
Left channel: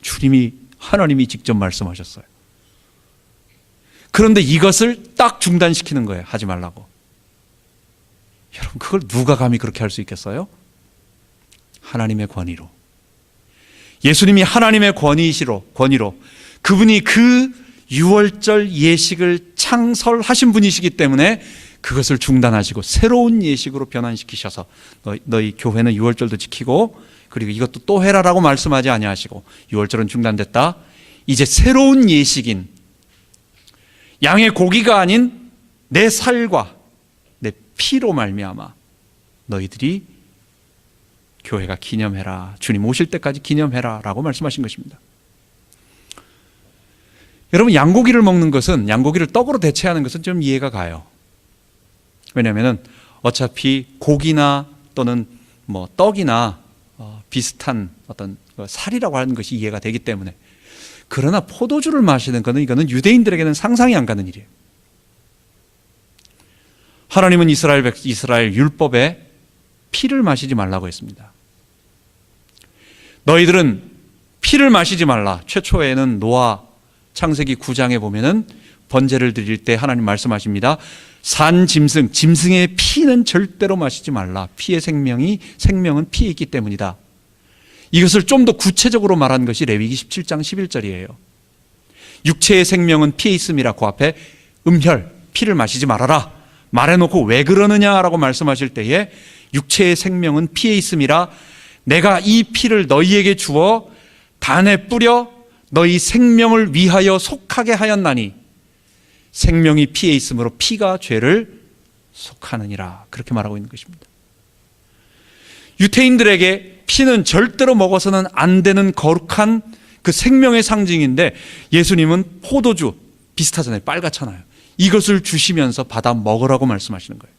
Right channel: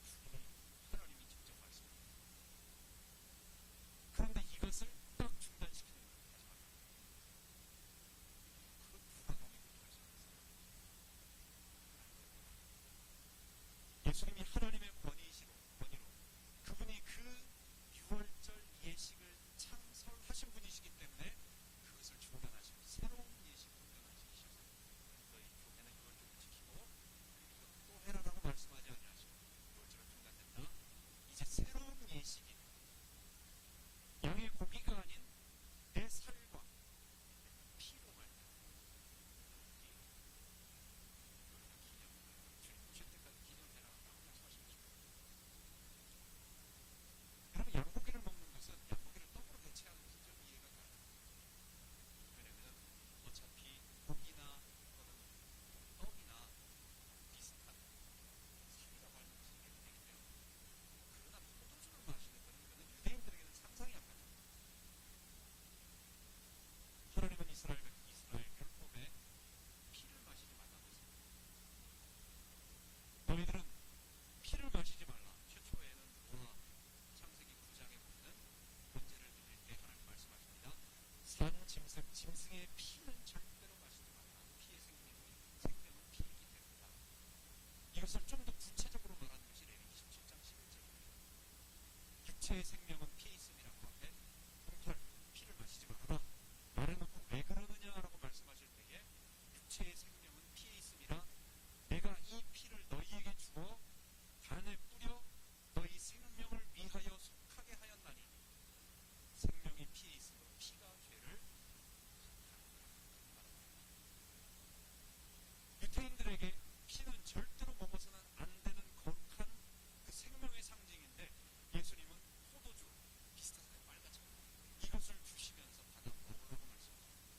주님이, 하나님이 직접 말씀하셨어요. 그런데 이것을 딱 중단시키는 거예요. 하지 말라고. 여러분, 그걸 누가 감히 그렇게 할 수 있겠어요? 하나님의 권위로. 예수님이 하나님의 권위로 그분이 그 6월절 예식을 창설하신 분이시기 때문에 그것을 중단하시고 새로운 예식으로 변환시키셔서 너희 교회는 6월절도 지키고 그리고 이것도 또 해라라고 말씀하지 아니하시고 6월절은 중단됐다. 이제 새로운 예식인 양의 고기가 아닌 내 살과 내 피로 말미암아 너희들이 교회가 기념해라, 주님 오실 때까지 기념해라 라고 말씀하신 것입니다. 여러분, 양고기를 먹는 것은, 양고기를 떡으로 대체하는 것은 좀 이해가 가요. 왜냐하면 어차피 고기나 또는 뭐 떡이나 비슷한 어떤 살이라고 하는 것이 이해가 되기 때문에. 그러나 포도주를 마시는 것은, 이거는 유대인들에게는 상상이 안 가는 일이에요. 하나님은 이스라엘 율법에 피를 마시지 말라고 했습니다. 너희들은 피를 마시지 말라. 최초에는 노아 창세기 9장에 보면은 번제를 드릴 때 하나님 말씀하십니다. 산 짐승의 피는 절대로 마시지 말라. 피의 생명은 피에 있기 때문이다. 이것을 좀 더 구체적으로 말한 것이 레위기 17장 11절이에요. 육체의 생명은 피에 있음이라. 그 앞에 음혈, 피를 마시지 말아라 말해놓고 왜 그러느냐라고 말씀하실 때에 육체의 생명은 피에 있음이라. 내가 이 피를 너희에게 주어 단에 뿌려 너희 생명을 위하여 속하게 하였나니 생명이 피에 있으므로 피가 죄를 속하느니라. 그렇게 말하고 있는 것입니다. 유대인들에게 피는 절대로 먹어서는 안 되는 거룩한 그 생명의 상징인데, 예수님은 포도주, 비슷하잖아요. 빨갛잖아요. 이것을 주시면서 받아 먹으라고 말씀하시는 거예요.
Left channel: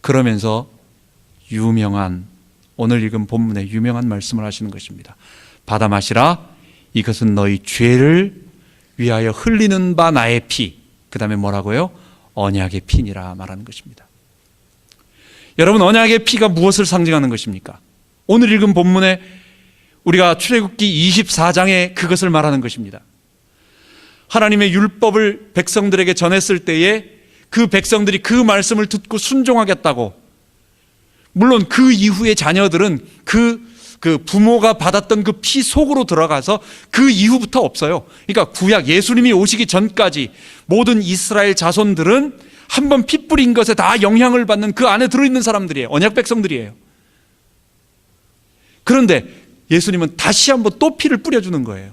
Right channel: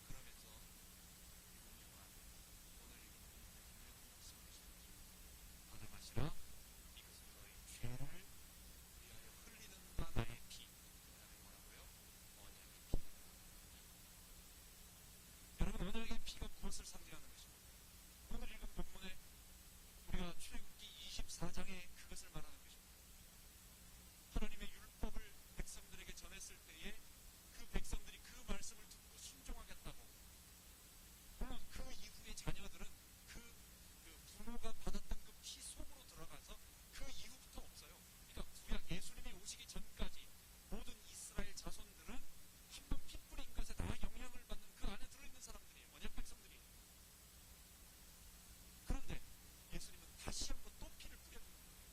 그러면서 오늘 읽은 본문에 유명한 말씀을 하시는 것입니다. 받아 마시라. 이것은 너희 죄를 위하여 흘리는 바 나의 피. 그 다음에 뭐라고요? 언약의 피니라 말하는 것입니다. 여러분, 언약의 피가 무엇을 상징하는 것입니까? 오늘 읽은 본문에 우리가 출애굽기 24장에 그것을 말하는 것입니다. 하나님의 율법을 백성들에게 전했을 때에 그 백성들이 그 말씀을 듣고 순종하겠다고, 물론 그 이후의 자녀들은 그 부모가 받았던 그 피 속으로 들어가서 그 이후부터 없어요. 그러니까 구약 예수님이 오시기 전까지 모든 이스라엘 자손들은 한번 피 뿌린 것에 다 영향을 받는 그 안에 들어있는 사람들이에요. 언약 백성들이에요. 그런데 예수님은 다시 한번 또 피를 뿌려주는 거예요.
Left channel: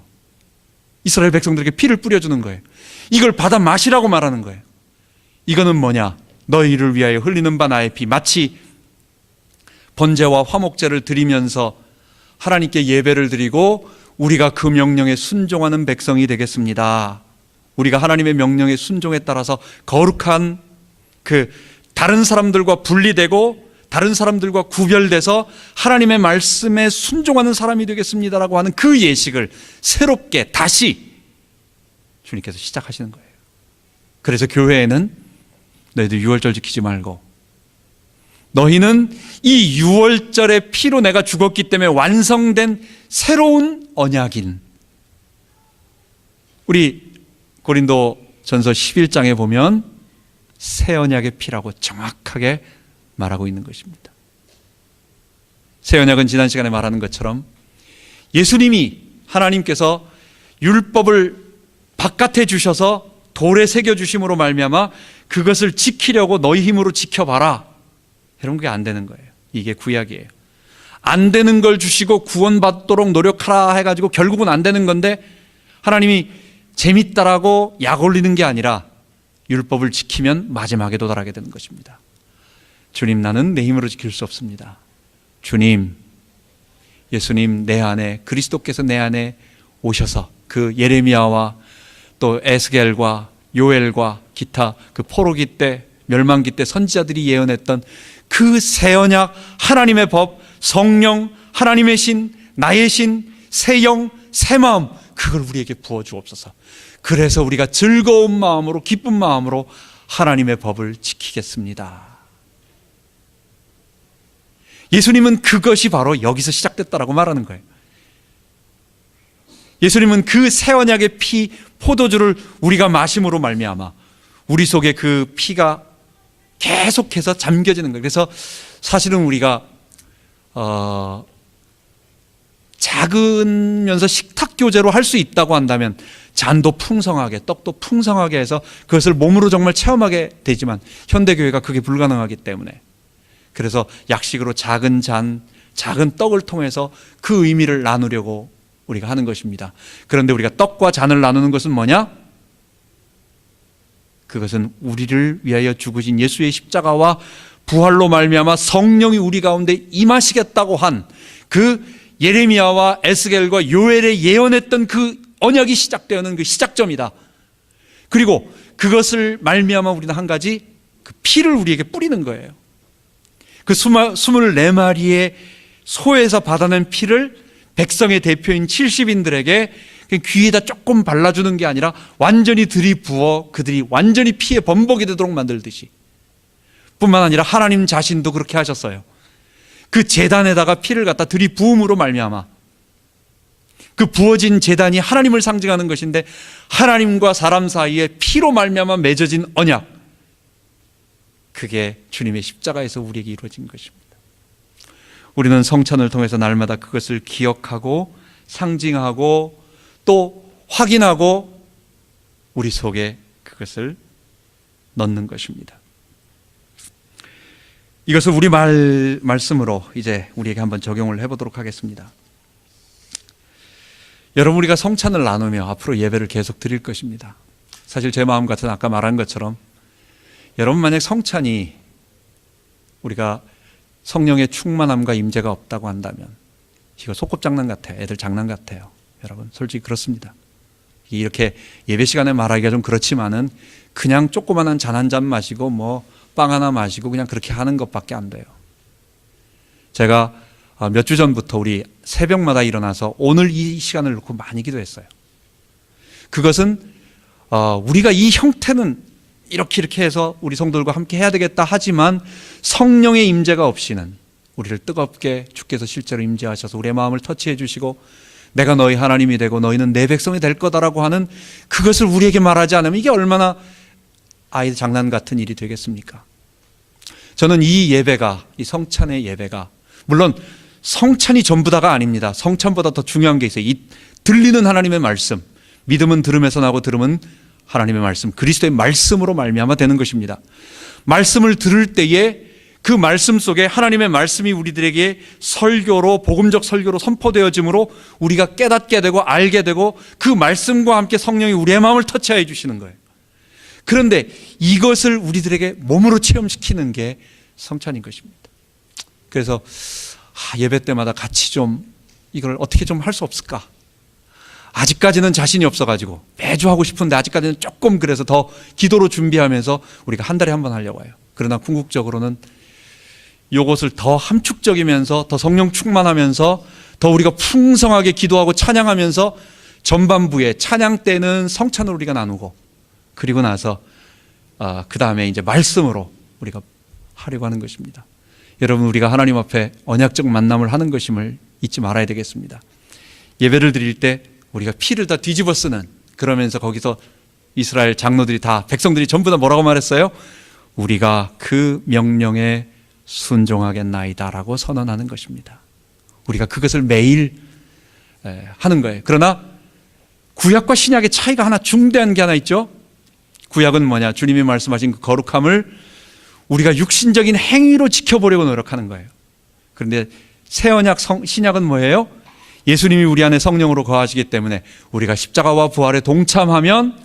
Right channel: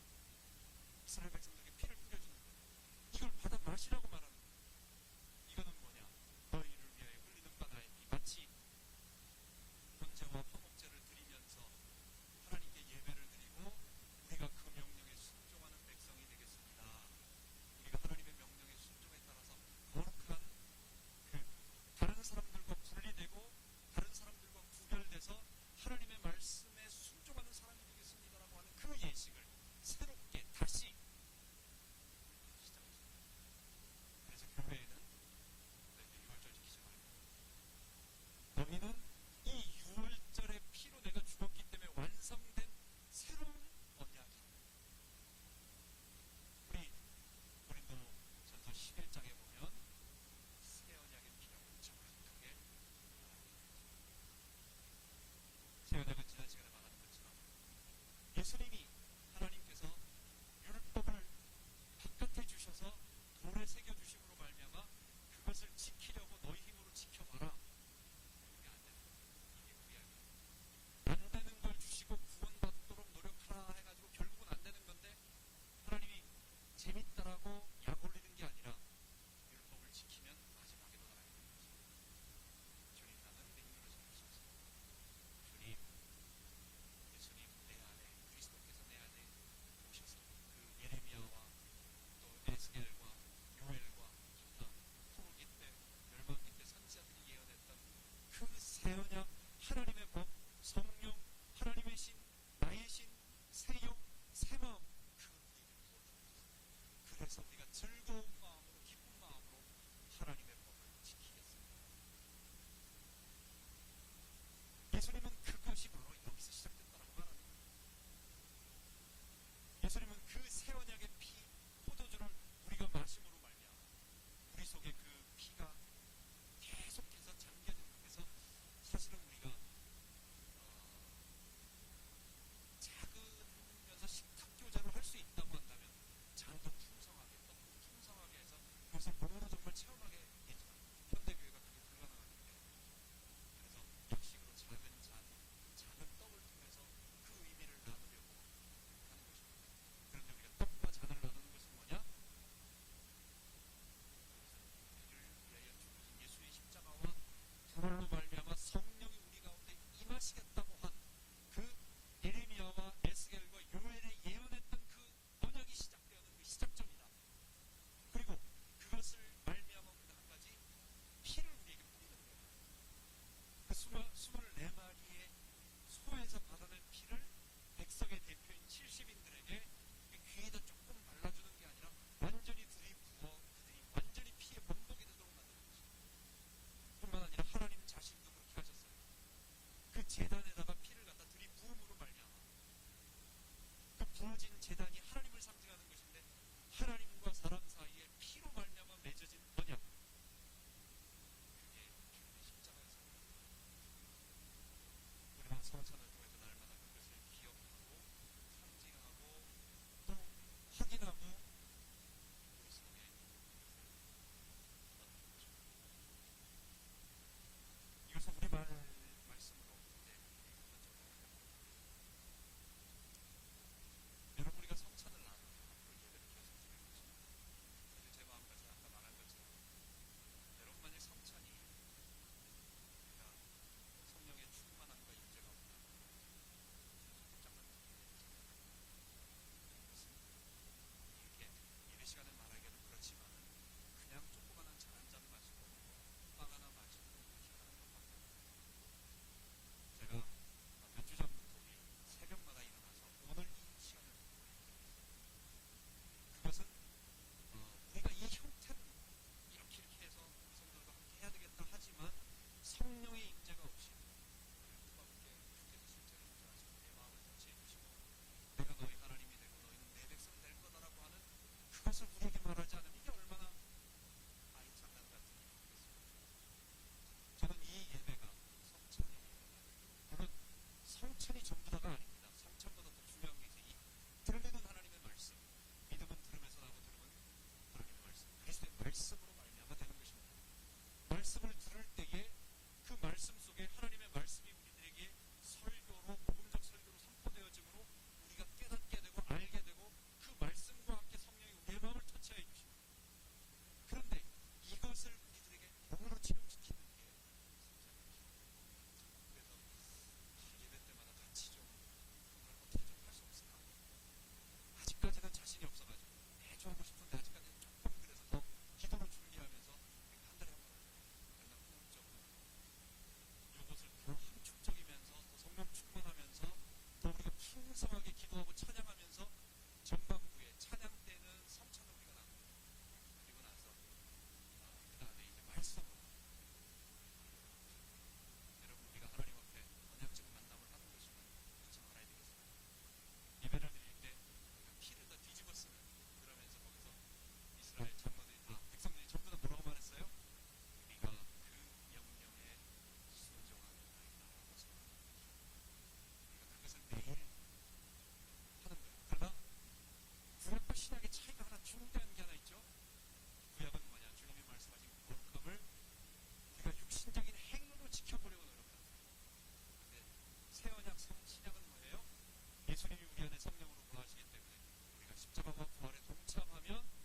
이스라엘 백성들에게 피를 뿌려주는 거예요. 이걸 받아 마시라고 말하는 거예요. 이거는 뭐냐? 너희를 위하여 흘리는 바 나의 피. 마치 번제와 화목제를 드리면서 하나님께 예배를 드리고 우리가 그 명령에 순종하는 백성이 되겠습니다. 우리가 하나님의 명령에 순종에 따라서 거룩한 다른 사람들과 분리되고 다른 사람들과 구별돼서 하나님의 말씀에 순종하는 사람이 되겠습니다라고 하는 그 예식을 새롭게 다시 주님께서 시작하시는 거예요. 그래서 교회에는 너희들 유월절 지키지 말고, 너희는 이 유월절의 피로 내가 죽었기 때문에 완성된 새로운 언약인, 우리 고린도전서 11장에 보면 새 언약의 피라고 정확하게 말하고 있는 것입니다. 새 언약은 지난 시간에 말하는 것처럼 예수님이, 하나님께서 율법을 바깥에 주셔서 돌에 새겨 주심으로 말미암아 그것을 지키려고 너희 힘으로 지켜봐라. 이런 게 안 되는 거예요. 이게 구약이에요. 안 되는 걸 주시고 구원받도록 노력하라 해가지고 결국은 안 되는 건데, 하나님이 재밌다라고 약 올리는 게 아니라 율법을 지키면 마지막에 도달하게 되는 것입니다. 주님, 나는 내 힘으로 지킬 수 없습니다. 주님, 예수님 내 안에, 그리스도께서 내 안에 오셔서 그 예레미야와 또 에스겔과 요엘과 기타 그 포로기 때, 멸망기 때 선지자들이 예언했던 그 새 언약, 하나님의 법, 성령, 하나님의 신, 나의 신, 새 영, 새 마음, 그걸 우리에게 부어주옵소서. 그래서 우리가 즐거운 마음으로, 기쁜 마음으로 하나님의 법을 지키겠습니다. 예수님은 그것이 바로 여기서 시작됐다라고 말하는 거예요. 예수님은 그 새 언약의 피, 포도주를 우리가 마심으로 말미암아 우리 속에 그 피가 계속해서 잠겨지는 거예요. 그래서 사실은 우리가 작으면서 식탁 교제로 할 수 있다고 한다면 잔도 풍성하게, 떡도 풍성하게 해서 그것을 몸으로 정말 체험하게 되지만 현대교회가 그게 불가능하기 때문에, 그래서 약식으로 작은 잔, 작은 떡을 통해서 그 의미를 나누려고 우리가 하는 것입니다. 그런데 우리가 떡과 잔을 나누는 것은 뭐냐? 그것은 우리를 위하여 죽으신 예수의 십자가와 부활로 말미암아 성령이 우리 가운데 임하시겠다고 한 그 예레미야와 에스겔과 요엘에 예언했던 그 언약이 시작되는 그 시작점이다. 그리고 그것을 말미암아 우리는 한 가지 그 피를 우리에게 뿌리는 거예요. 그 24마리의 소에서 받아낸 피를 백성의 대표인 70인들에게 귀에다 조금 발라주는 게 아니라 완전히 들이부어 그들이 완전히 피의 범벅이 되도록 만들듯이, 뿐만 아니라 하나님 자신도 그렇게 하셨어요. 그 제단에다가 피를 갖다 들이부음으로 말미암아 그 부어진 제단이 하나님을 상징하는 것인데, 하나님과 사람 사이에 피로 말미암아 맺어진 언약, 그게 주님의 십자가에서 우리에게 이루어진 것입니다. 우리는 성찬을 통해서 날마다 그것을 기억하고 상징하고 또 확인하고 우리 속에 그것을 넣는 것입니다. 이것을 우리 말씀으로 이제 우리에게 한번 적용을 해보도록 하겠습니다. 여러분, 우리가 성찬을 나누며 앞으로 예배를 계속 드릴 것입니다. 사실 제 마음 같은 아까 말한 것처럼, 여러분 만약 성찬이 우리가 성령의 충만함과 임재가 없다고 한다면 이거 소꿉장난 같아요. 애들 장난 같아요. 여러분, 솔직히 그렇습니다. 이렇게 예배 시간에 말하기가 좀 그렇지만은 그냥 조그만한 잔 한 잔 마시고 뭐 빵 하나 마시고 그냥 그렇게 하는 것밖에 안 돼요. 제가 몇 주 전부터 우리 새벽마다 일어나서 오늘 이 시간을 놓고 많이 기도했어요. 그것은 우리가 이 형태는 이렇게 해서 우리 성도들과 함께 해야 되겠다 하지만 성령의 임재가 없이는 우리를 뜨겁게 주께서 실제로 임재하셔서 우리의 마음을 터치해 주시고 내가 너희 하나님이 되고 너희는 내 백성이 될 거다라고 하는 그것을 우리에게 말하지 않으면 이게 얼마나 아이들 장난 같은 일이 되겠습니까? 저는 이 예배가, 이 성찬의 예배가, 물론 성찬이 전부다가 아닙니다. 성찬보다 더 중요한 게 있어요. 이 들리는 하나님의 말씀, 믿음은 들음에서 나고 들음은 하나님의 말씀, 그리스도의 말씀으로 말미암아 되는 것입니다. 말씀을 들을 때에 그 말씀 속에 하나님의 말씀이 우리들에게 설교로, 복음적 설교로 선포되어짐으로 우리가 깨닫게 되고 알게 되고 그 말씀과 함께 성령이 우리의 마음을 터치해 주시는 거예요. 그런데 이것을 우리들에게 몸으로 체험시키는 게 성찬인 것입니다. 그래서 예배 때마다 같이 좀 이걸 어떻게 좀 할 수 없을까? 아직까지는 자신이 없어가지고 매주 하고 싶은데 아직까지는 조금, 그래서 더 기도로 준비하면서 우리가 한 달에 한 번 하려고 해요. 그러나 궁극적으로는 이것을 더 함축적이면서 더 성령 충만하면서 더 우리가 풍성하게 기도하고 찬양하면서 전반부에 찬양 때는 성찬으로 우리가 나누고, 그리고 나서 그 다음에 이제 말씀으로 우리가 하려고 하는 것입니다. 여러분, 우리가 하나님 앞에 언약적 만남을 하는 것임을 잊지 말아야 되겠습니다. 예배를 드릴 때 우리가 피를 다 뒤집어 쓰는, 그러면서 거기서 이스라엘 장로들이 다, 백성들이 전부 다 뭐라고 말했어요? 우리가 그 명령에 순종하겠나이다라고 선언하는 것입니다. 우리가 그것을 매일 하는 거예요. 그러나 구약과 신약의 차이가 하나, 중대한 게 하나 있죠. 구약은 뭐냐? 주님이 말씀하신 그 거룩함을 우리가 육신적인 행위로 지켜보려고 노력하는 거예요. 그런데 새 언약, 신약은 뭐예요? 예수님이 우리 안에 성령으로 거하시기 때문에 우리가 십자가와 부활에 동참하면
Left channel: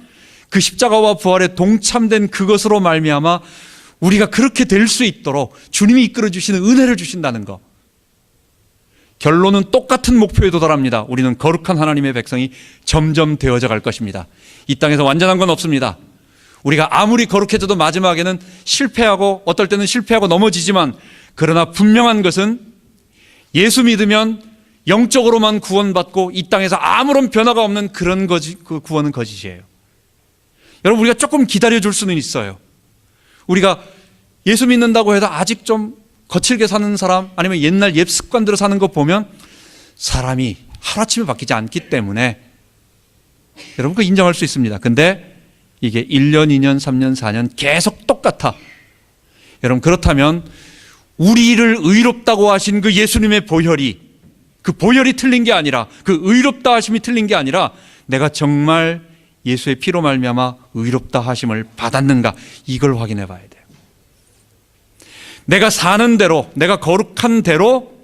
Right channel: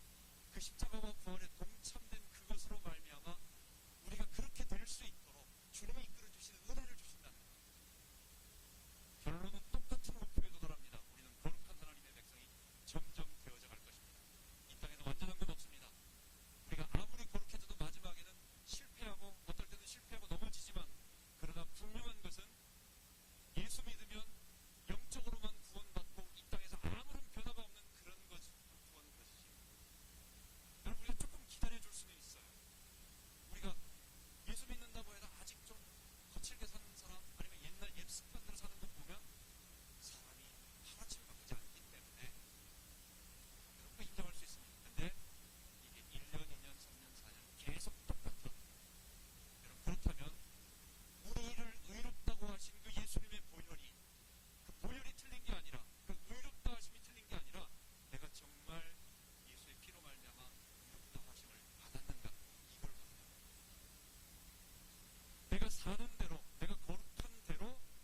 그 십자가와 부활에 동참된 그것으로 말미암아 우리가 그렇게 될 수 있도록 주님이 이끌어 주시는 은혜를 주신다는 것. 결론은 똑같은 목표에 도달합니다. 우리는 거룩한 하나님의 백성이 점점 되어져 갈 것입니다. 이 땅에서 완전한 건 없습니다. 우리가 아무리 거룩해져도 마지막에는 실패하고, 어떨 때는 실패하고 넘어지지만, 그러나 분명한 것은 예수 믿으면 영적으로만 구원받고 이 땅에서 아무런 변화가 없는 그런 그 구원은 거짓이에요. 여러분, 우리가 조금 기다려줄 수는 있어요. 우리가 예수 믿는다고 해도 아직 좀 거칠게 사는 사람, 아니면 옛날 옛 습관대로 사는 거 보면 사람이 하루아침에 바뀌지 않기 때문에 여러분 그거 인정할 수 있습니다. 근데 이게 1년, 2년, 3년, 4년 계속 똑같아. 여러분, 그렇다면 우리를 의롭다고 하신 그 예수님의 보혈이, 그 보혈이 틀린 게 아니라, 그 의롭다 하심이 틀린 게 아니라 내가 정말 예수의 피로 말미암아 의롭다 하심을 받았는가, 이걸 확인해 봐야 돼요. 내가 사는 대로, 내가 거룩한 대로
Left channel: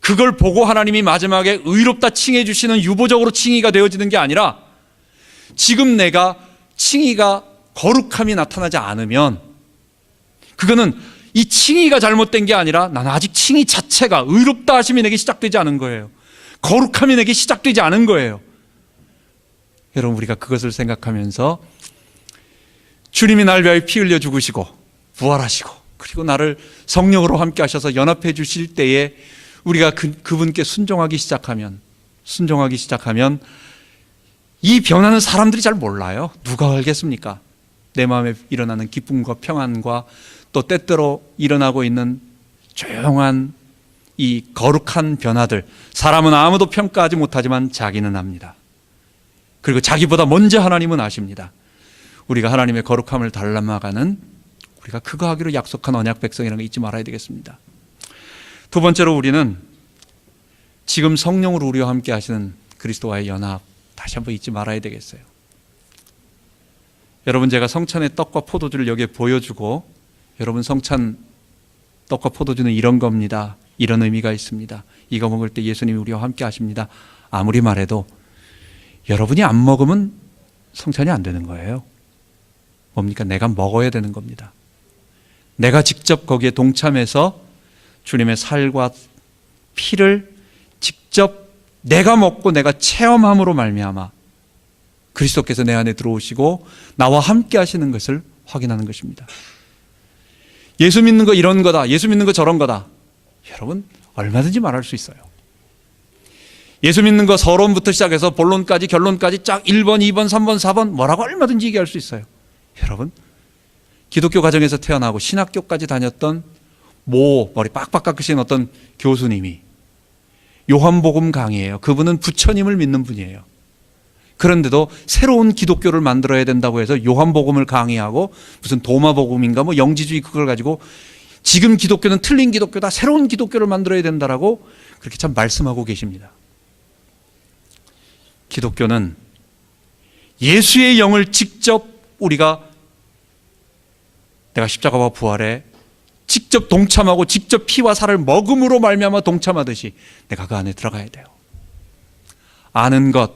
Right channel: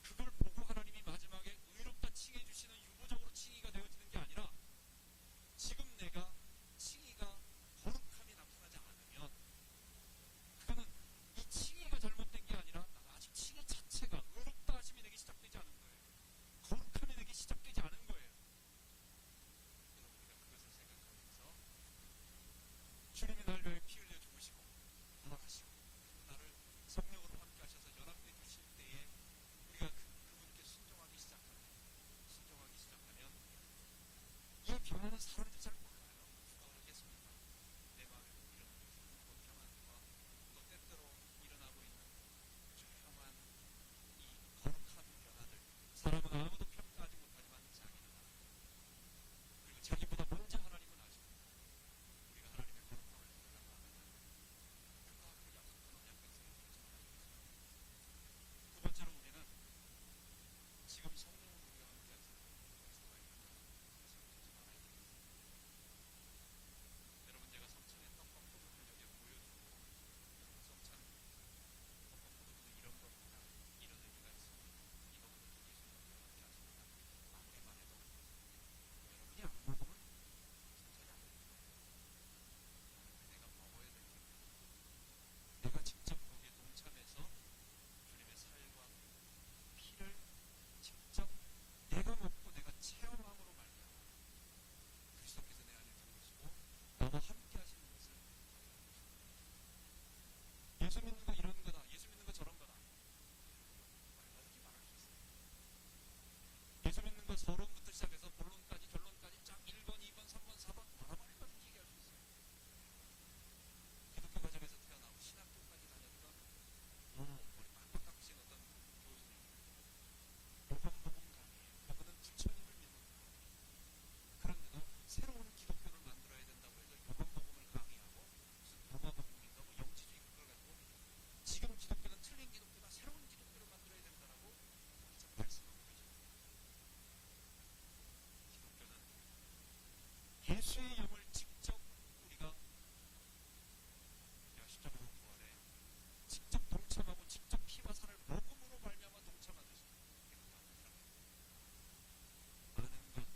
그걸 보고 하나님이 마지막에 의롭다 칭해 주시는 유보적으로 칭의가 되어지는 게 아니라, 지금 내가 칭의가, 거룩함이 나타나지 않으면 그거는 이 칭의가 잘못된 게 아니라 나는 아직 칭의 자체가, 의롭다 하심이 내게 시작되지 않은 거예요. 거룩함이 내게 시작되지 않은 거예요. 여러분, 우리가 그것을 생각하면서 주님이 날 위하여 피 흘려 죽으시고 부활하시고 그리고 나를 성령으로 함께 하셔서 연합해 주실 때에 우리가 그분께 순종하기 시작하면 이 변화는 사람들이 잘 몰라요. 누가 알겠습니까? 내 마음에 일어나는 기쁨과 평안과 또 때때로 일어나고 있는 조용한 이 거룩한 변화들, 사람은 아무도 평가하지 못하지만 자기는 압니다. 그리고 자기보다 먼저 하나님은 아십니다. 우리가 하나님의 거룩함을 닮아가는, 우리가 그거 하기로 약속한 언약 백성이라는 거 잊지 말아야 되겠습니다. 두 번째로, 우리는 지금 성령으로 우리와 함께 하시는 그리스도와의 연합, 다시 한번 잊지 말아야 되겠어요. 여러분, 제가 성찬의 떡과 포도주를 여기에 보여주고, 여러분, 성찬 떡과 포도주는 이런 겁니다, 이런 의미가 있습니다, 이거 먹을 때 예수님이 우리와 함께 하십니다, 아무리 말해도 여러분이 안 먹으면 성찬이 안 되는 거예요. 뭡니까? 내가 먹어야 되는 겁니다. 내가 직접 거기에 동참해서 주님의 살과 피를 직접 내가 먹고 내가 체험함으로 말미암아 그리스도께서 내 안에 들어오시고 나와 함께 하시는 것을 확인하는 것입니다. 예수 믿는 거 이런 거다, 예수 믿는 거 저런 거다, 여러분 얼마든지 말할 수 있어요. 예수 믿는 거 서론부터 시작해서 본론까지 결론까지 쫙 1번, 2번, 3번, 4번 뭐라고 얼마든지 얘기할 수 있어요. 여러분, 기독교 가정에서 태어나고 신학교까지 다녔던 머리 빡빡 깎으신 어떤 교수님이 요한복음 강의예요. 그분은 부처님을 믿는 분이에요. 그런데도 새로운 기독교를 만들어야 된다고 해서 요한복음을 강의하고 무슨 도마복음인가 뭐 영지주의 그걸 가지고 지금 기독교는 틀린 기독교다, 새로운 기독교를 만들어야 된다라고 그렇게 참 말씀하고 계십니다. 기독교는 예수의 영을 직접 내가 십자가와 부활에 직접 동참하고 직접 피와 살을 먹음으로 말미암아 동참하듯이 내가 그 안에 들어가야 돼요. 아는 것,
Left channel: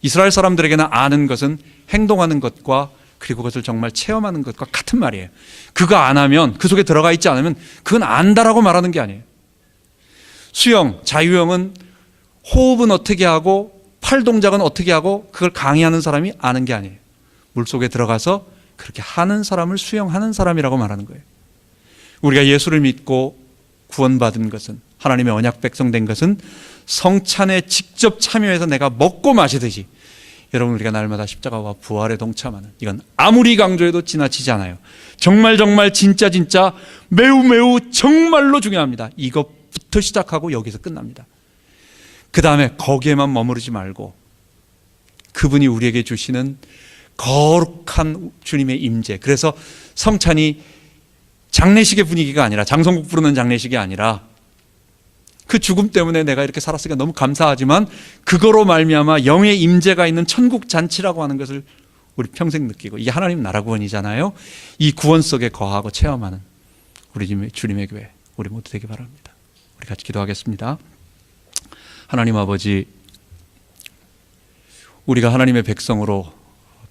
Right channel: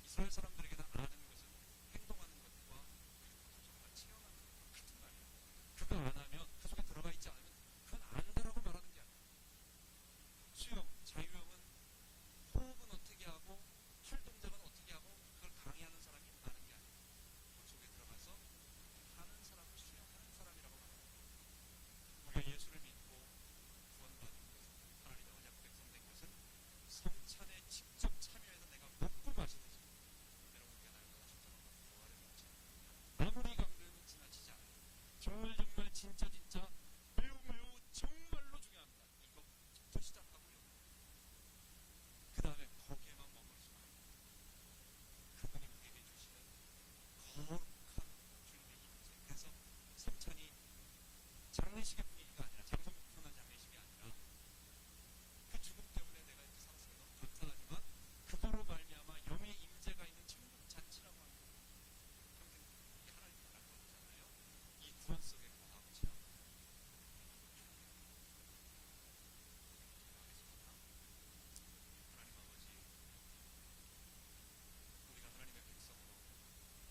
이스라엘 사람들에게는 아는 것은 행동하는 것과 그리고 그것을 정말 체험하는 것과 같은 말이에요. 그거 안 하면, 그 속에 들어가 있지 않으면 그건 안다라고 말하는 게 아니에요. 수영, 자유형은 호흡은 어떻게 하고 팔 동작은 어떻게 하고 그걸 강의하는 사람이 아는 게 아니에요. 물속에 들어가서 그렇게 하는 사람을 수영하는 사람이라고 말하는 거예요. 우리가 예수를 믿고 구원받은 것은, 하나님의 언약 백성 된 것은 성찬에 직접 참여해서 내가 먹고 마시듯이, 여러분 우리가 날마다 십자가와 부활에 동참하는, 이건 아무리 강조해도 지나치지 않아요. 정말 진짜 매우 정말로 중요합니다. 이것부터 시작하고 여기서 끝납니다. 그 다음에 거기에만 머무르지 말고 그분이 우리에게 주시는 거룩한 주님의 임재, 그래서 성찬이 장례식의 분위기가 아니라, 장성국 부르는 장례식이 아니라, 그 죽음 때문에 내가 이렇게 살았으니까 너무 감사하지만 그거로 말미암아 영의 임재가 있는 천국 잔치라고 하는 것을 우리 평생 느끼고, 이게 하나님 나라 구원이잖아요. 이 구원 속에 거하고 체험하는 우리 주님의 교회, 우리 모두 되기 바랍니다. 우리 같이 기도하겠습니다. 하나님 아버지, 우리가 하나님의 백성으로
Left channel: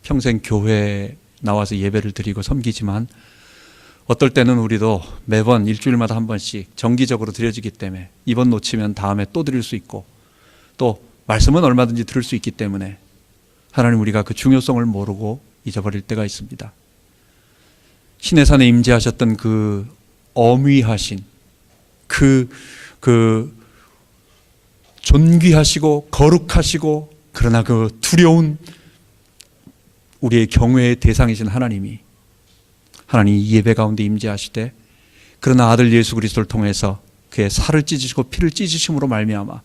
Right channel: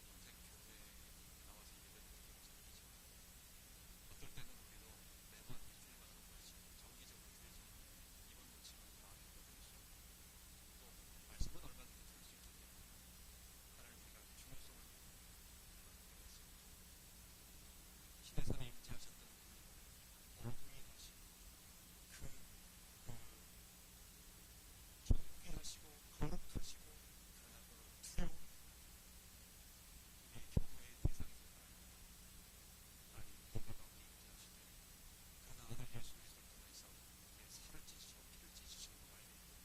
평생 교회에 나와서 예배를 드리고 섬기지만 어떨 때는 우리도 매번 일주일마다 한 번씩 정기적으로 드려지기 때문에 이번 놓치면 다음에 또 드릴 수 있고, 또 말씀은 얼마든지 들을 수 있기 때문에 하나님, 우리가 그 중요성을 모르고 잊어버릴 때가 있습니다. 시내산에 임재하셨던 그 어미하신 그 존귀하시고 거룩하시고 그러나 그 두려운 우리의 경외의 대상이신 하나님이, 하나님 이 예배 가운데 임재하시되, 그러나 아들 예수 그리스도를 통해서 그의 살을 찢으시고 피를 찢으심으로 말미암아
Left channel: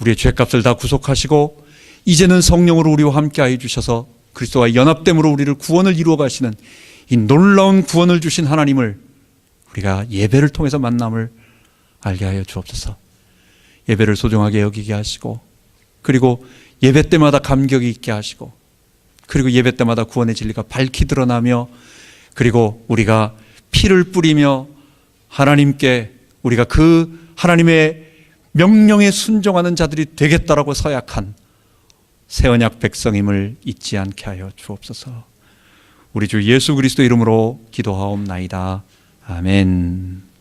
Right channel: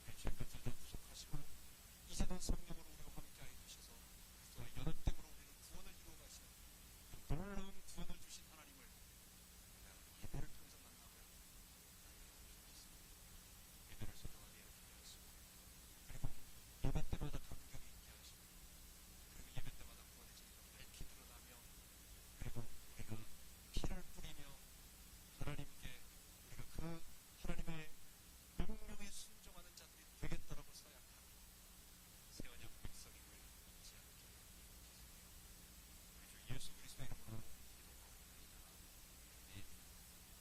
우리의 죄값을 다 구속하시고 이제는 성령으로 우리와 함께하여 주셔서 그리스도와 연합됨으로 우리를 구원을 이루어 가시는 이 놀라운 구원을 주신 하나님을 우리가 예배를 통해서 만남을 알게 하여 주옵소서. 예배를 소중하게 여기게 하시고, 그리고 예배 때마다 감격이 있게 하시고, 그리고 예배 때마다 구원의 진리가 밝히 드러나며, 그리고 우리가 피를 뿌리며 하나님께 우리가 그 하나님의 명령에 순종하는 자들이 되겠다라고 서약한 새 언약 백성임을 잊지 않게 하여 주옵소서. 우리 주 예수 그리스도 이름으로 기도하옵나이다. 아멘.